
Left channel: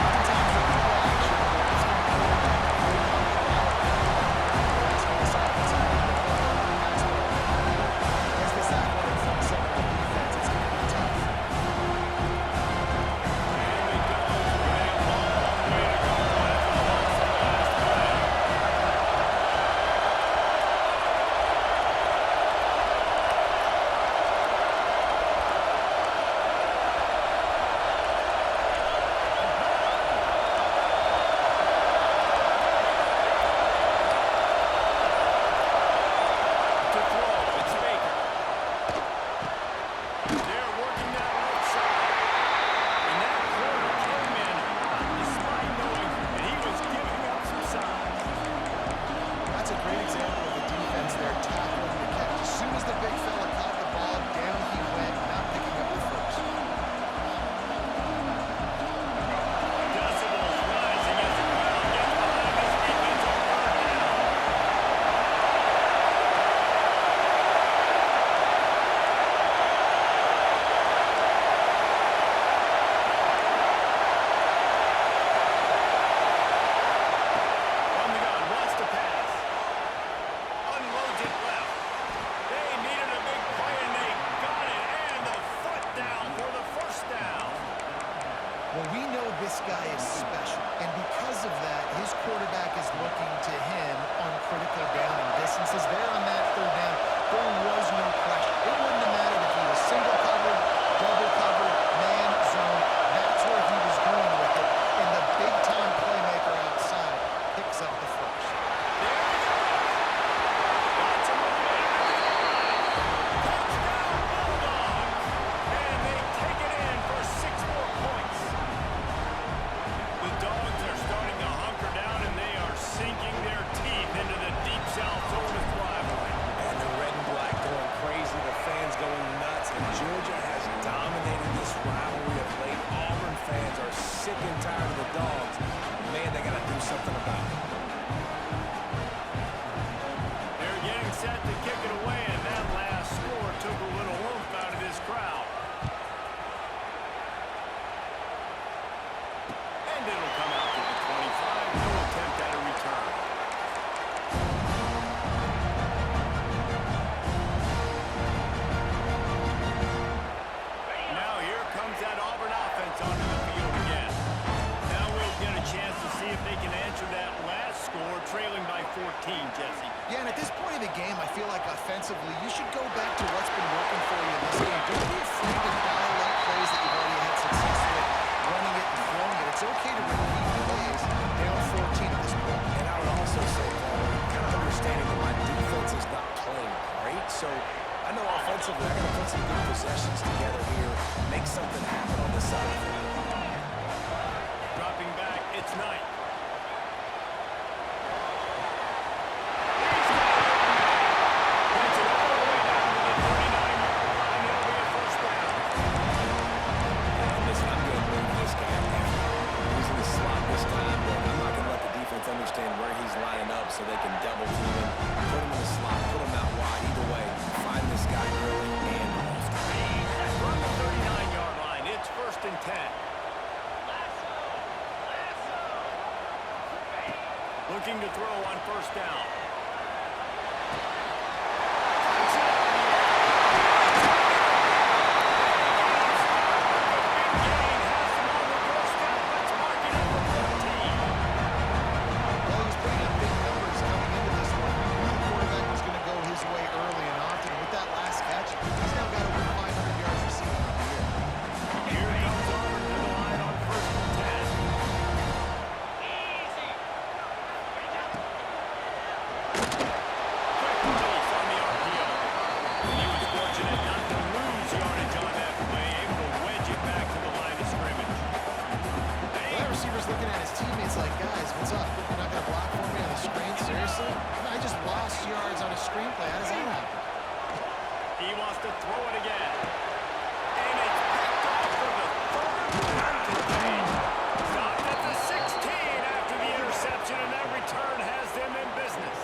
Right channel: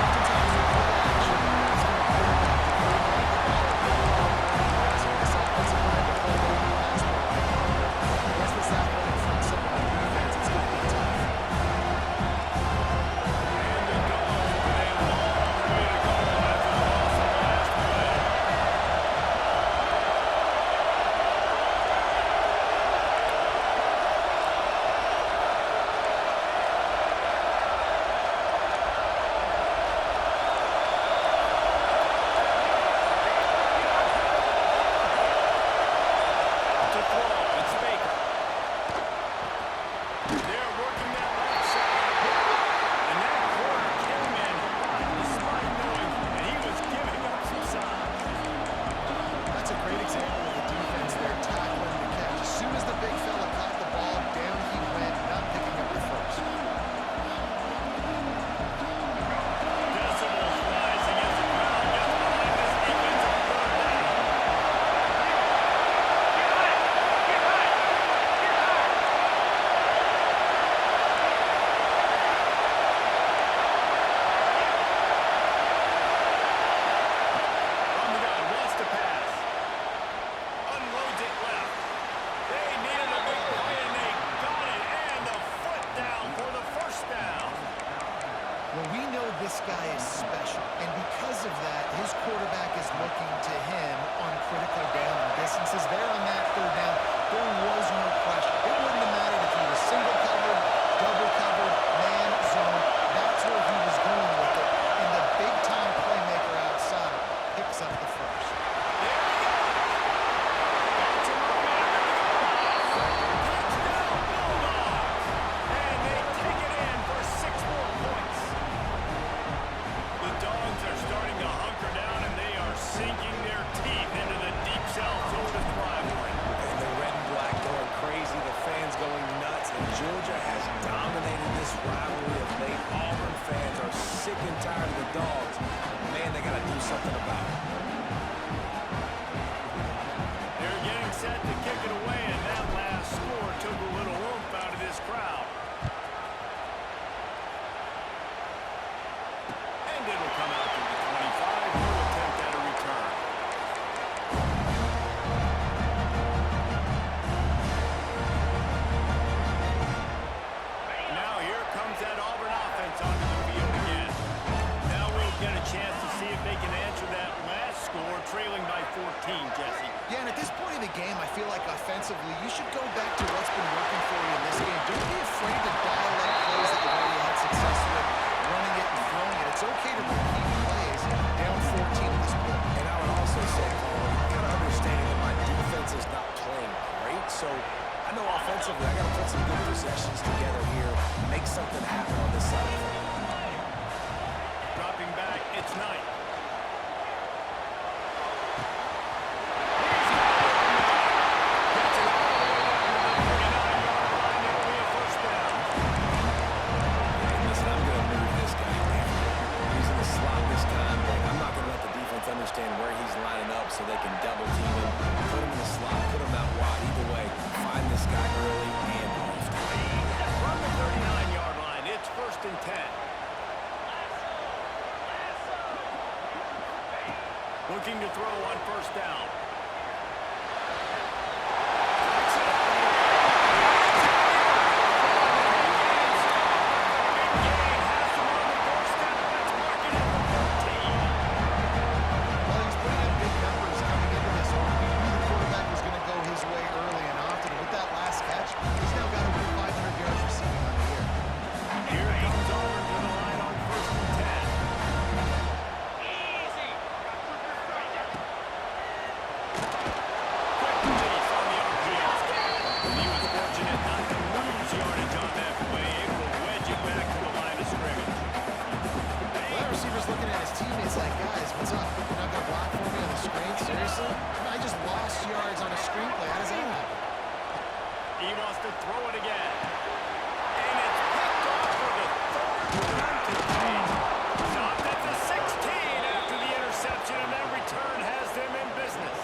Oftentimes with play action, you're asking the quarterback to hold on to the ball a little longer. You're asking this offensive line to hold on to the pass ball a bit longer. Against this athletic front seven on defense, it's going to be tough. And the Dogs with a long way to go after the loss on the last play. To throw, it's Baker. They're working that left side. And that corner came in hot despite knowing that he was giving up some size. That's a great example of the defense there tackling the catch. As soon as the big fella caught the ball, down he went, not picking up the first. Decibels rising as the crowd gets behind this defense on 3rd down. From the gun, wants to pass. Unloads it left. They needed a big play and they got it. And the foot down for the 1st down. Well, we know this guy is special, and because of that, his quarterback is looking to him on critical down and distances. There on that 3rd down, there was no question. It wouldn't have mattered if he was single covered, double covered, man, zone. That's where he was going with it, and the big-time playmaker outside picks up the first. There he goes. Got some momentum at the goal line. Touchdown Bulldogs. And they take it in for 6 more points. The Dogs are starting to hunker down, and they are sinking their teeth into the deep south Georgia has dominated this rivalry of late. Auburn fans are sick and tired of the Dogs. Man, they got to do something about it. They're getting set to kick it away, and that last score took a little oomph out of this crowd. And it'll come out to the 25. No attempt at a return. Now here comes that Auburn offense onto the field again. Now we'll get a chance to see if they can answer that last score, trailing by 14, Jesse. Yeah, and at this point in the game, I feel like offensively, you should go back to what's been working for you in this game. Don't be afraid to dial up plays that you've already had success with, running it and throwing it. It's okay to repeat plays down 14 at this point. And I would also say, Paul, kind of understanding that my defense is not playing great, so I know offensively I got to put some good possessions together here, make something happen on this side of the football. Dropping back, it's Knight. Gets it all the way down to the 39-yard line. It'll be a first down. And listen, I'm going to move this guy everywhere. He's in the slot this time, but I'm not going to let the defense understand where he's lining up so they can double team him, put him in the slot, put him out wide. Either way, find this guy early and often. From the 39-yard line, it's first and 10. Looking to throw on first down. Cuts it out of the air. Big gain has them on the doorstep. Let's mark it at the 14. Well, he was putting up big numbers coming into this one. We knew the quarterback was going to go his way early and often. And with that last catch, he's now got over 500 yards receiving on the year. Here comes Auburn to the line on first and 10. Quick release on the RPO. And he was fortunate not to lose yardage on that play, able to wedge it back to the line of scrimmage. Well, that receiver's looking at his teammates like, guys, what's up? You're not going to block for me on the screen? Seriously? I just lost yards on a screenplay. How does that happen? He wants to throw it again. And it's picked off for the third time today. Stopped at the 16 after the interception, and that return has them in business.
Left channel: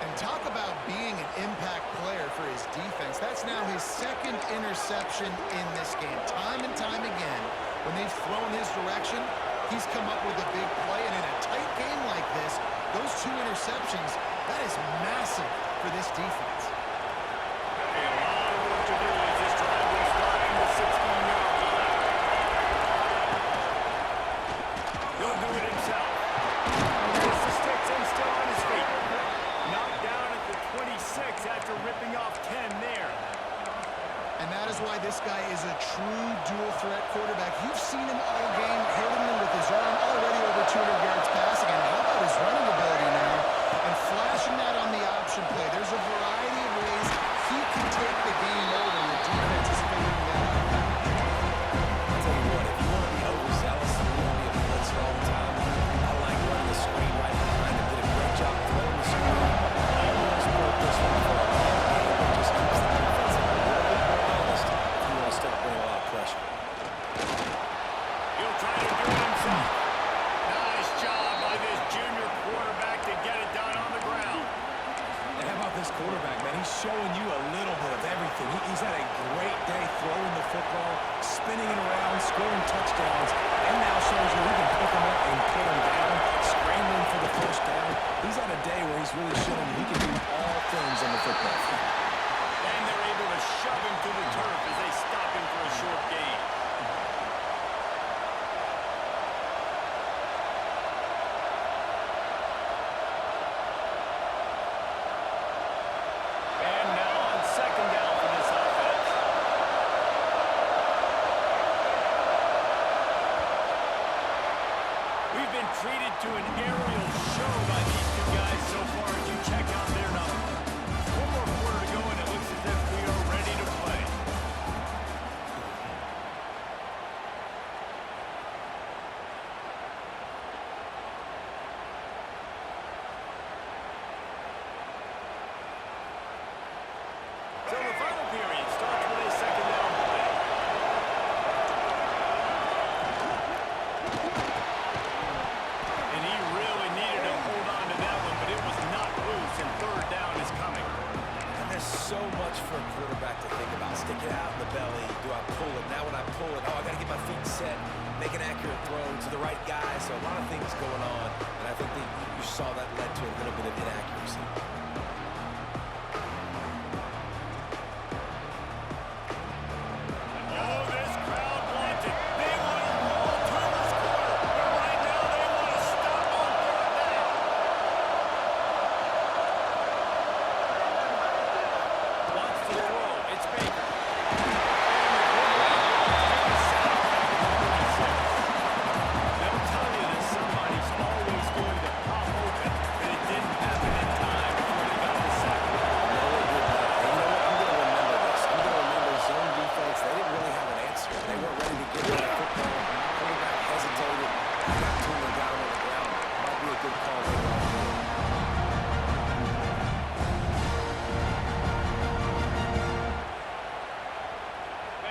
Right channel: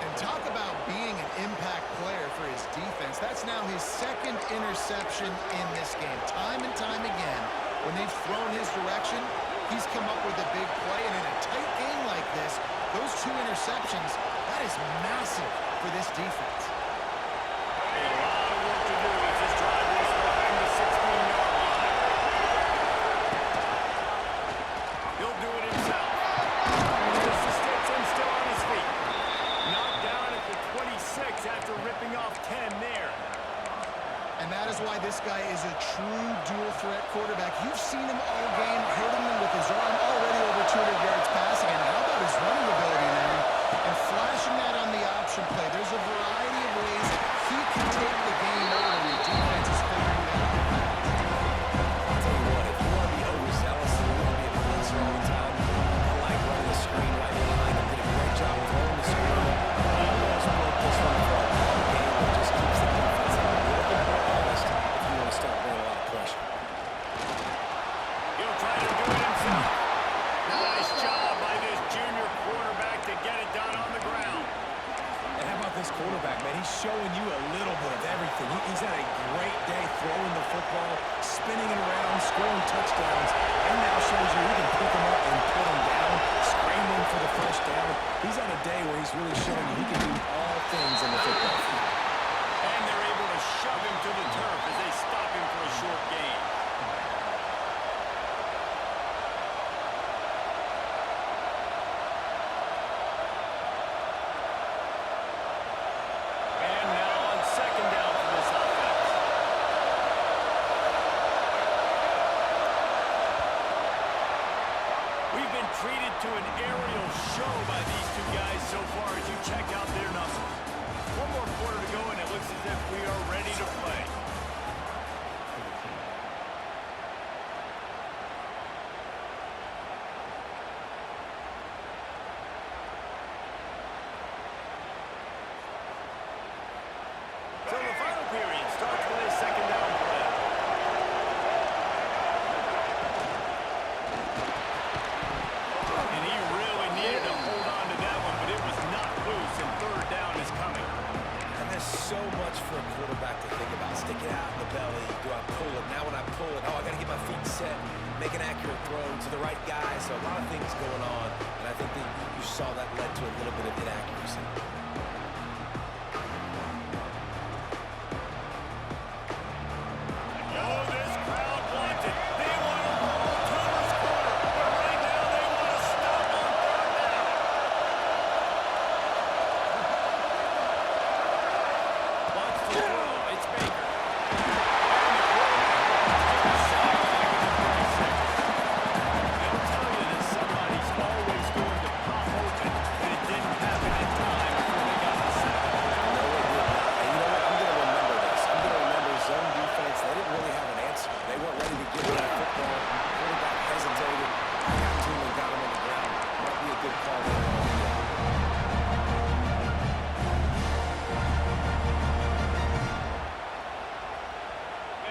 And talk about being an impact player for his defense. That's now his second interception in this game. Time and time again, when they've thrown his direction, he's come up with a big play. And in a tight game like this, those two interceptions, that is massive for this defense. A lot of work to do as this drive will start from the 16-yard line. He'll do it himself. Gets the sticks and still on his feet. Knocked down at the 26 after ripping off 10 there. And that is why this guy is a true dual-threat quarterback. You've seen him all game, hurting them with his arm, already over 200 yards passing. And how about his running ability now? And flashing that on the option play. There's a variety of ways he can take the game over, and the defense is figuring that out fast. I'll tell you what, if you want to be overzealous and you want to be a blitzer all the time, I like running the screen right behind him. Did a great job throwing the screen. Almost broke this one for a long game, but just keeps the defense a little bit more honest if you want to start bringing a lot of pressure. He'll try to do it himself. Nice job by this junior quarterback to get it done on the ground. And how about this quarterback, man? He's showing you a little bit of everything. He's had a great day throwing the football, spinning it around, scoring touchdowns, and now shows you he can pick them up and put them down, scrambling for the first down. He's had a day where he's really showing you he can do all things on the football field. And they're able to shove him to the turf as they stop him for a short gain. And now on second down for this offense. We've been treated to an aerial show by these two guys so far as you check out their numbers. One more quarter to go, and it looks as if we are ready to play. So the final period starts with a second down so much for a quarterback to think about. Stick it out in the belly. Do I pull it? Now when I pull it, I got to get my feet set, make an accurate throw to the right guy. So a lot of things going on, and I think that you saw that led to a little bit of inaccuracy. Oh, this crowd wants it. They want to roll Toomer's corner, but right now they want to stop on third down. Wants to throw. It's Baker. And the quarterback will take a sack back at the 36. They'll tell you that somebody's always going to pop open, but it didn't happen in time before they got the sack. No, it did not. And you know what? I'm going to remember this. I'm going to remember zone defense. They didn't really have an answer. They weren't ready to give that football. Quarterback hesitated. I got to him and got him on the ground. Might be a good call later on in the game.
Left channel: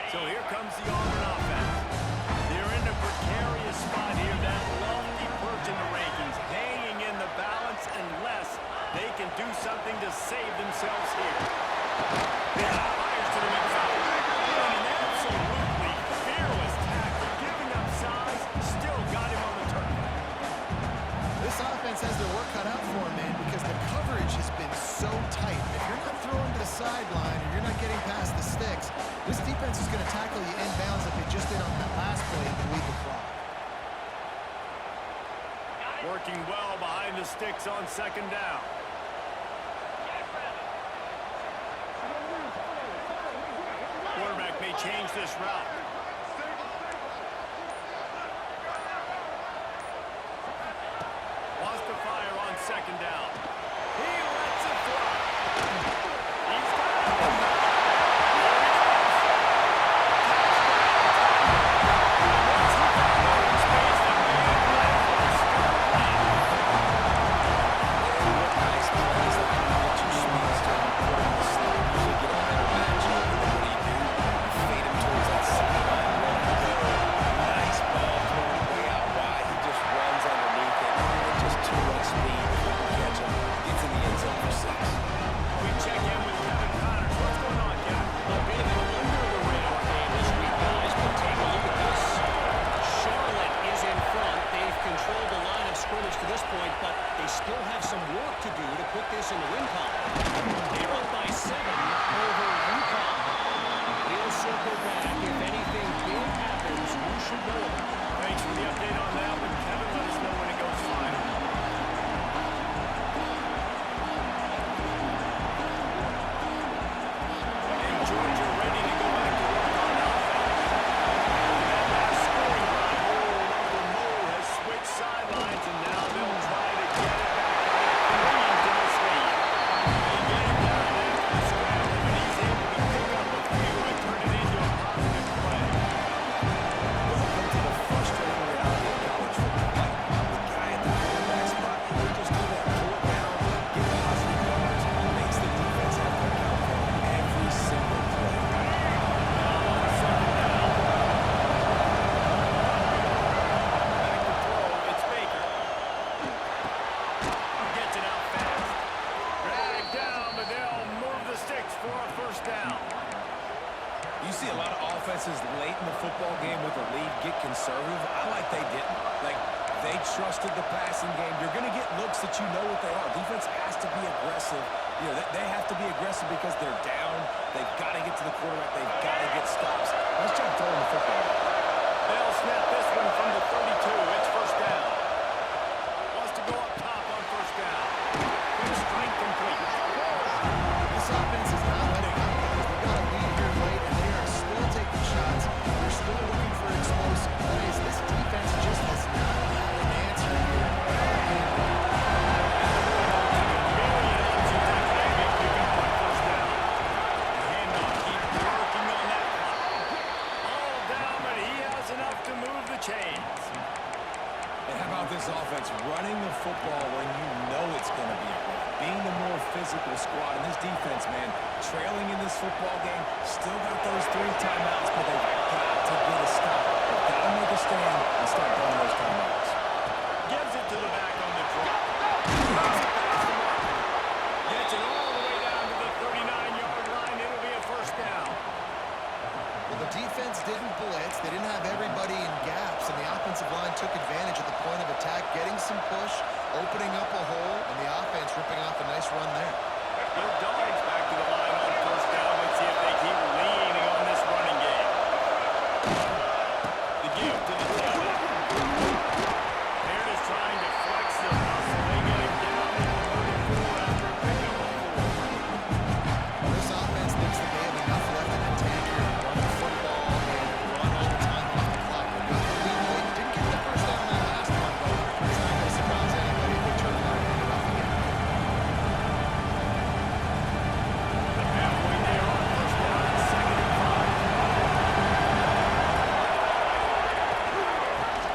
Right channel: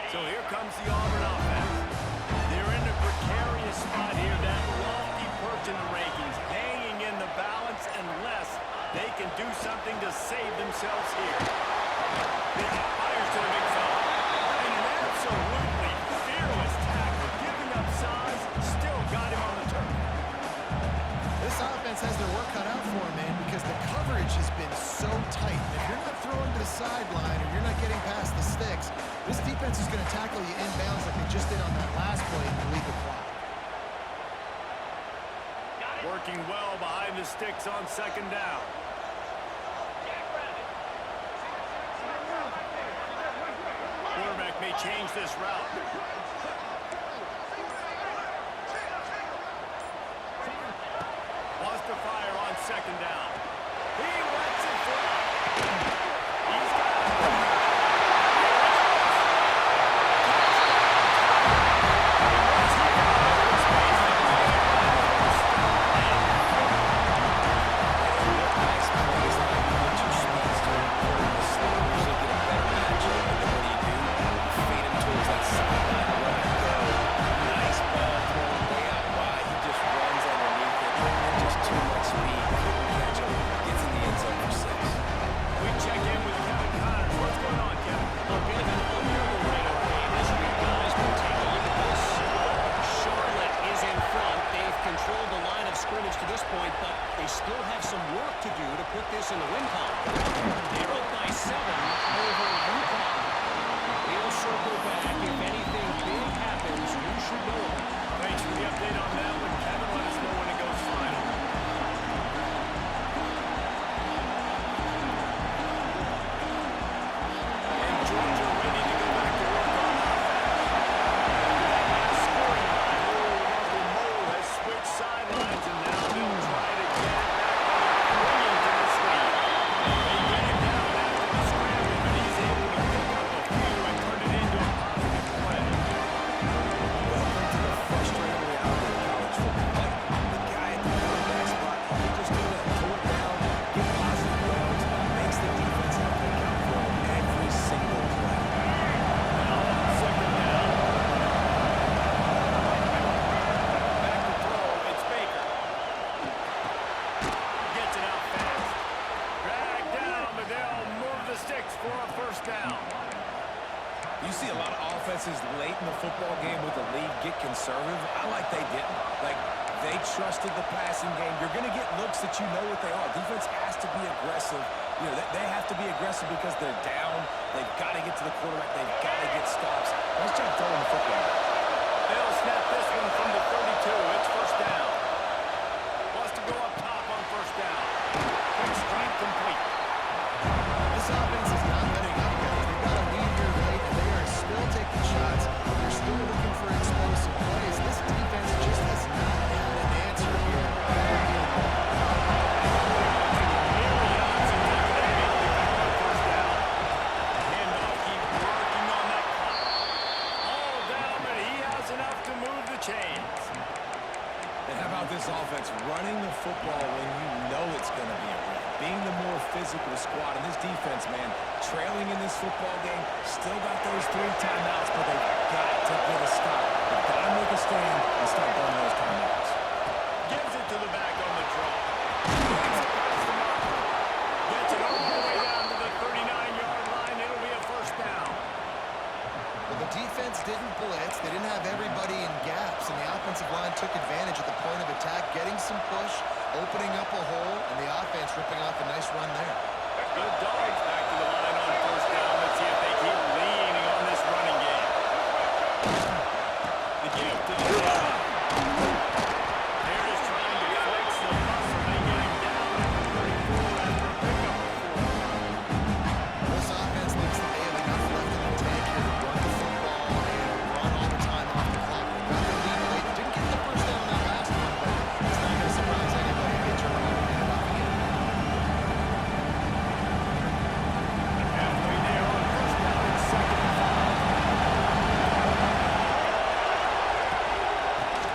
So here comes the Auburn offense. They're in a precarious spot here, that lofty perch in the rankings, hanging in the balance unless they can do something to save themselves here. Fires to the big fella. And an absolutely fearless tackle, giving up size, still got him on the turf. This offense has their work cut out for them, man, because the coverage has been so tight. And if you're not throwing to the sideline or you're not getting past the sticks, this defense is going to tackle you inbounds like they just did on that last play and bleed the clock. Working well behind the sticks on second down. Quarterback may change this route. Wants to fire on second down. He lets it fly. He's got it. Here he goes. Touchdown. And once he got open space, the man ran for a stop play. And what nice plays that you get your speedster and put him in the slot. Usually get a better matchup. And then what do? You fade him towards that sideline, run and go. Nice ball thrown way out wide. He just runs underneath it. And just too much speed. Couldn't catch him. Gets in the end zone for 6. We check in with Kevin Connors. What's going on, Kevin? A bit of an under-the-radar game this week, guys, but take a look at this. Charlotte is in front. They've controlled the line of scrimmage to this point, but they still have some work to do to put this in the win column. They're up by 7 over UConn. We'll circle back. If anything big happens, you should know about it. Thanks for the update on that one, Kevin. Let us know when it goes final. And Georgia ready to go back to work on offense. After that last scoring drive, old Uncle Mo has switched sidelines, and now they'll try to get it back while they're clinging to this lead. They get him down after the scramble, but he's able to pick up a few and turn it into a positive play. Welcome to the frustrating reality of college football. Like, the guy at the quarterback spot, he just do that, pull it down, get positive yards, makes the defense have to account for him every single play. Now on second down. Back to throw, it's Baker. Gets it out fast. Dragged down, but they'll move the sticks for a first down. You see a lot of offenses late in the football game with a lead get conservative. I like they didn't. Like, they trusted the passing game. You're going to get looks that you know what they are. Defense has to be aggressive. You know, they have to be aggressive because they're down. They've got to get to the quarterback. They've got to get stops. Let's try throwing the football. They'll snap this one from the 32. It's first down. Wants to go up top on first down. Quick strike complete. This offense is not letting up, guys. They've got a lead here late, and they are still taking shots. They're still looking for explosive plays. This defense just has not had an answer here. Myriad options after that big pickup on first down. The handoff keeps working on that clock. All down, but he has enough to move the chains. And how about this offense running the football when you know it's going to be a run? Being the more physical squad. And this defense, man, trailing in this football game, still got those 3 timeouts, but they've got to get a stop. They've got to make a stand and start burning those timeouts. Gives it to the back on the draw. Takes it past the marker. Gets it all the way down to the 39-yard line. line took advantage at the point of attack, getting some push, opening up a hole, and the offense ripping off a nice run there. Good dogs back to the line on first down. Let's see if they keep leaning on this running game. The give to the tailback. They're just trying to flex the muscle. They get him down at the 34 after a pickup of 4. This offense thinks that they have enough left in the tank here to run the football and run all the time off the clock. They got the lead late. Didn't get the first down on that last one, but it's not going to surprise anybody if they turn around and hand it off again. Halfway there on first down and 2nd and 5.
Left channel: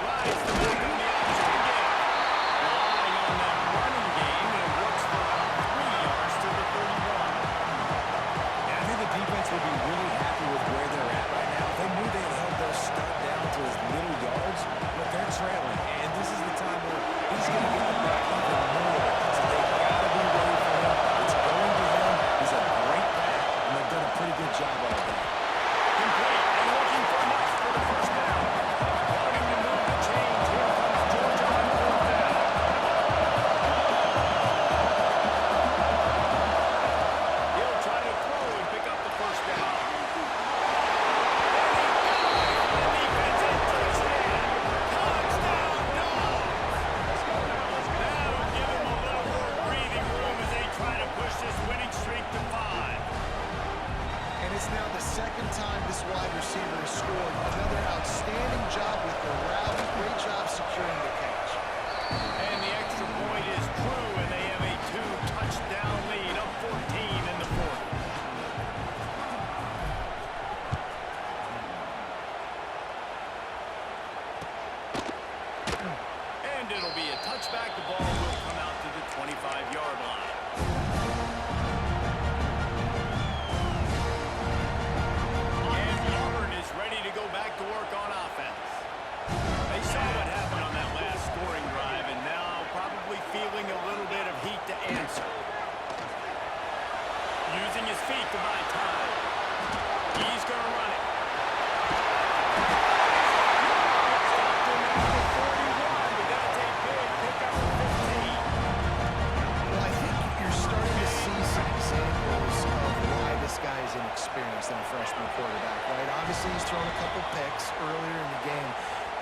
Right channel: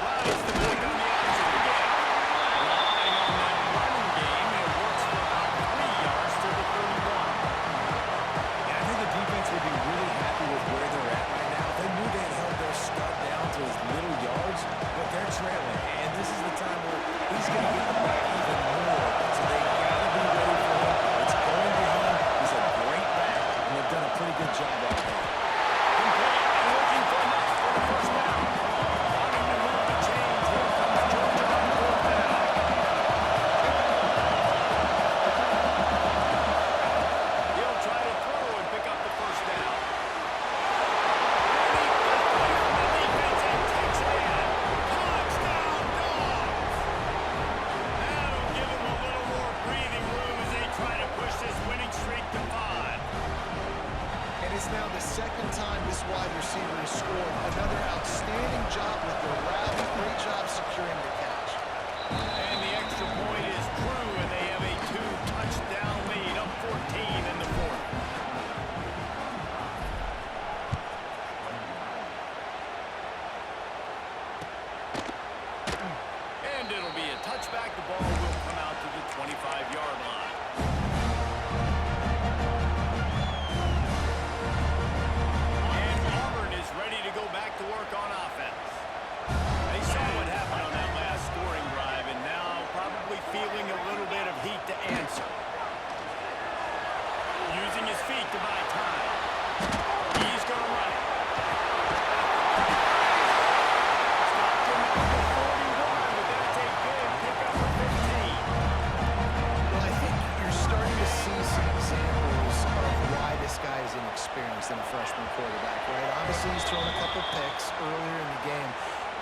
Rides the back on the option again. Relying on that running game, and it works for about 3 yards to the 31. Yeah, I think the defense would be really happy with where they're at right now. They knew they had held their start down to as little yards, but they're trailing. And this is the time where he's going to get the ball even more. So they got to be ready for him. It's going to him. He's a great back, and they've done a pretty good job all day. Complete and looking for enough for the first down. Wanting to move the chains. Here comes Georgia on 4th down. He'll try to throw and pick up the first down. And he got away from the defense and takes it in. Touchdown, Dogs! That'll give him a little more breathing room as they try to push this winning streak to 5. And it's now the second time this wide receiver has scored. Another outstanding job with the route. Great job securing the catch. And the extra point is true, and they have a 2-touchdown lead, up 14 in the 4th. And it'll be a touchback. The ball will come out to the 25-yard line. And Auburn is ready to go back to work on offense. They saw what happened on that last scoring drive, and now probably feeling a little bit of heat to answer. Using his feet to buy time. He's going to run it. Stopped him at the 41, but that's a big pickup of 15. Well, I think you're starting to see some examples of why this guy is inexperienced in a freshman quarterback, right? Obviously, he's thrown a couple picks earlier in the game.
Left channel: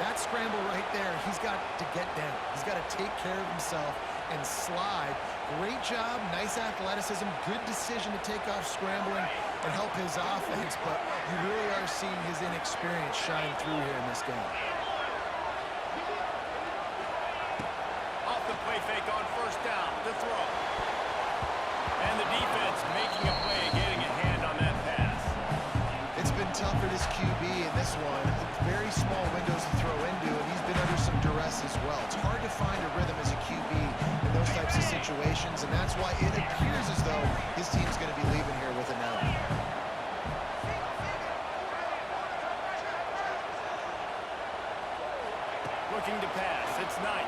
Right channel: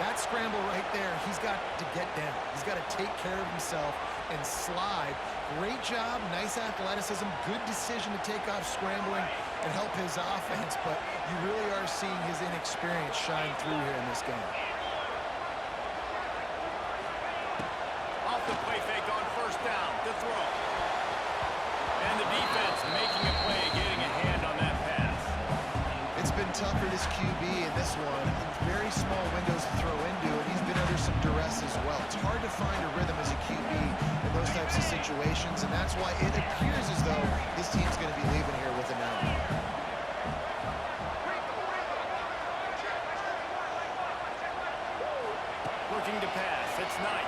That scramble right there, he's got to get down. He's got to take care of himself and slide. Great job, nice athleticism, good decision to take off scrambling and help his offense, but you really are seeing his inexperience shine through here in this game. Off the play fake on first down to throw. And the defense making a play, getting a hand on that pass. It's been tough for this QB in this one. Very small windows to throw into, and he's been under some duress as well. It's hard to find a rhythm as a QB in those types of situations, and that's why it appears as though his team's going to be leaving here with an L. Looking to pass. It's Knight.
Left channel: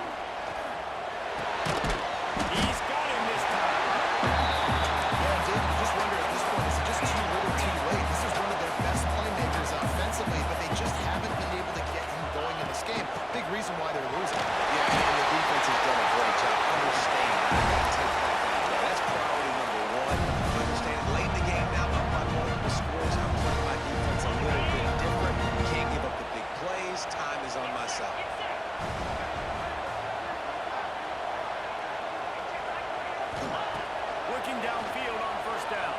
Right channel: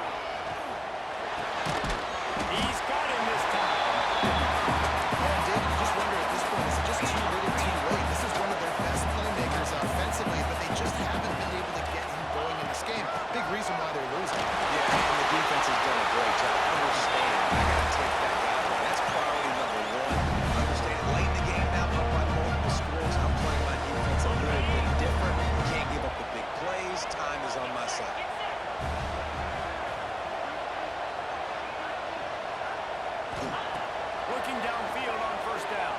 He's got him this time. Yeah, David, you just wonder at this point, is it just too little too late? This is one of their best playmakers offensively, but they just haven't been able to get him going in this game. Big reason why they're losing. Yeah, and the defense has done a great job understanding that. I got to take that guy away. That's priority number 1. Understand it. Late in the game now, up by multiple scores. I'm playing my defense a little bit different. Can't give up the big plays. Time is on my side. Looking downfield on first down.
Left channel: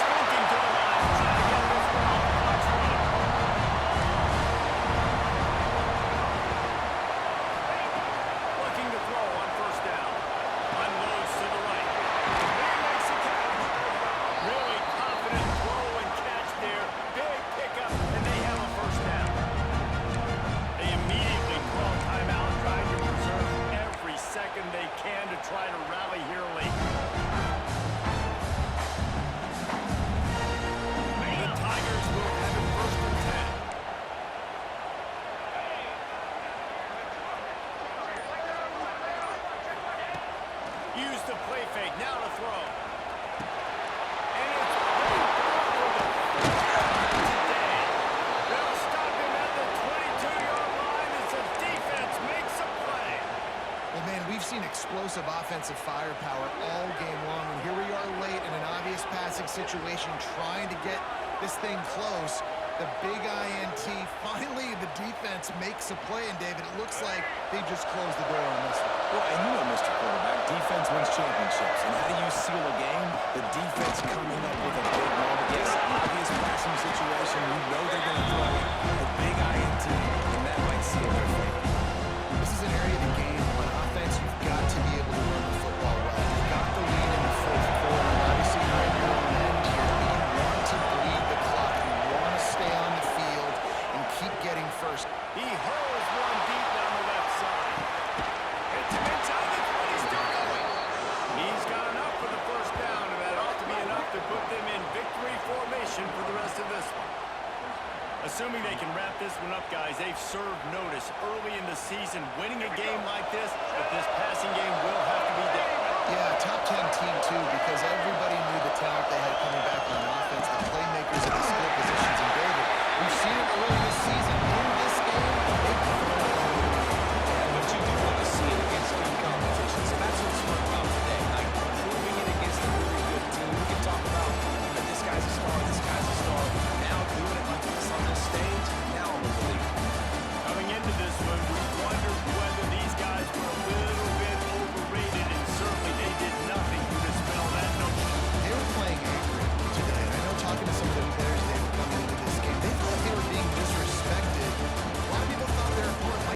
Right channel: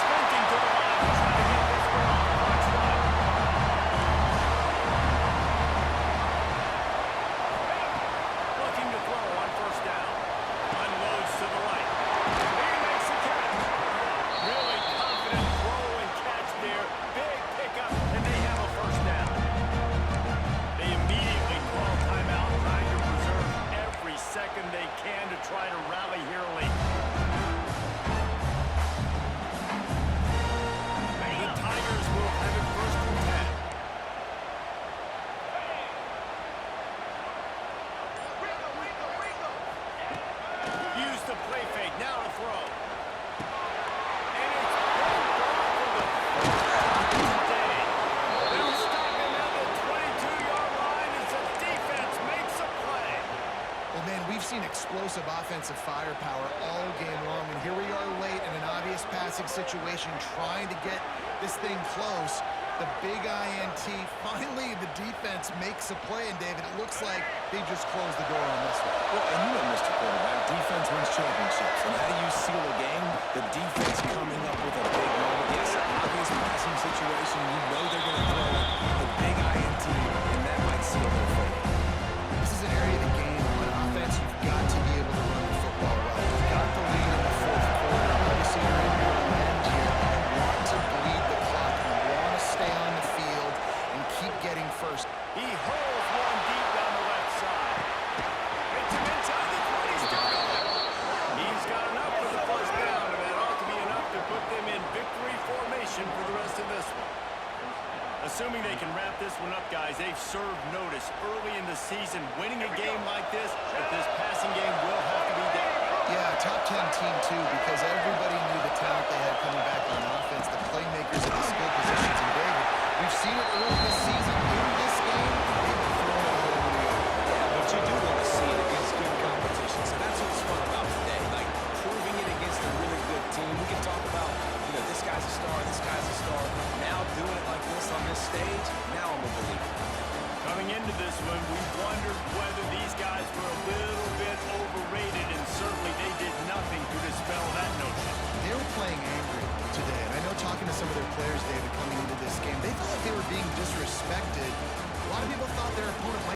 Sprinting to the line, trying to get this one off. Clock's running. Looking to throw on first down. Unloads to the right. He makes the catch. Really confident throw and catch there. Big pickup, and they have a first down. They immediately call timeout, trying to preserve every second they can to try to rally here late. The Tigers will have it 1st and 10. Use the play fake, now to throw. And it's picked off for the we've seen explosive offensive firepower all game long, and here we are late in an obvious passing situation trying to get this thing close. The big INT, finally the defense makes a play, and David, it looks like they just closed the door on this one. Well, and you know, Mr. Quarterback, defense wins championships. And how do you seal a game? The defense coming up with a big moment. Yes, an obvious passing situation. You know they're going to throw it. The big INT, and that might seal their fate. This is an area of the game. On offense, you've got to be able to run the football well. You've got the lead in the fourth quarter. Obviously, you're in your own end here, but you want to bleed the clock. You want to stay on the field and keep getting first. He hurls one deep down the left side. Hits him inside the 20, still going. He's got enough for the first down, and that ought to be enough to put them in victory formation for the rest of this one. Assuming they can wrap this one up, guys, they've served notice early in the season. Winning a game like this, but this passing game will have to be done. Yeah, top 10 team, too, because everybody knew the talent they had coming back on offense, the playmakers at the skill positions. And, David, we've seen it early this season. In this game, they've been throwing it all over the yard. Yeah, but you do want to see it against good competition. So that's what's fun about today. Like, proving it against a really good team. We can talk about, you know, this guy's a star, this guy's a star. Now doing it like this on this stage, now I'm a believer. Coming into this one, we wondered whether these guys were a little bit overrated, and certainly they did nothing to dispel that notion. They were playing angry today, and I know talking to some of their players, David, coming into this game, they felt like they were being disrespected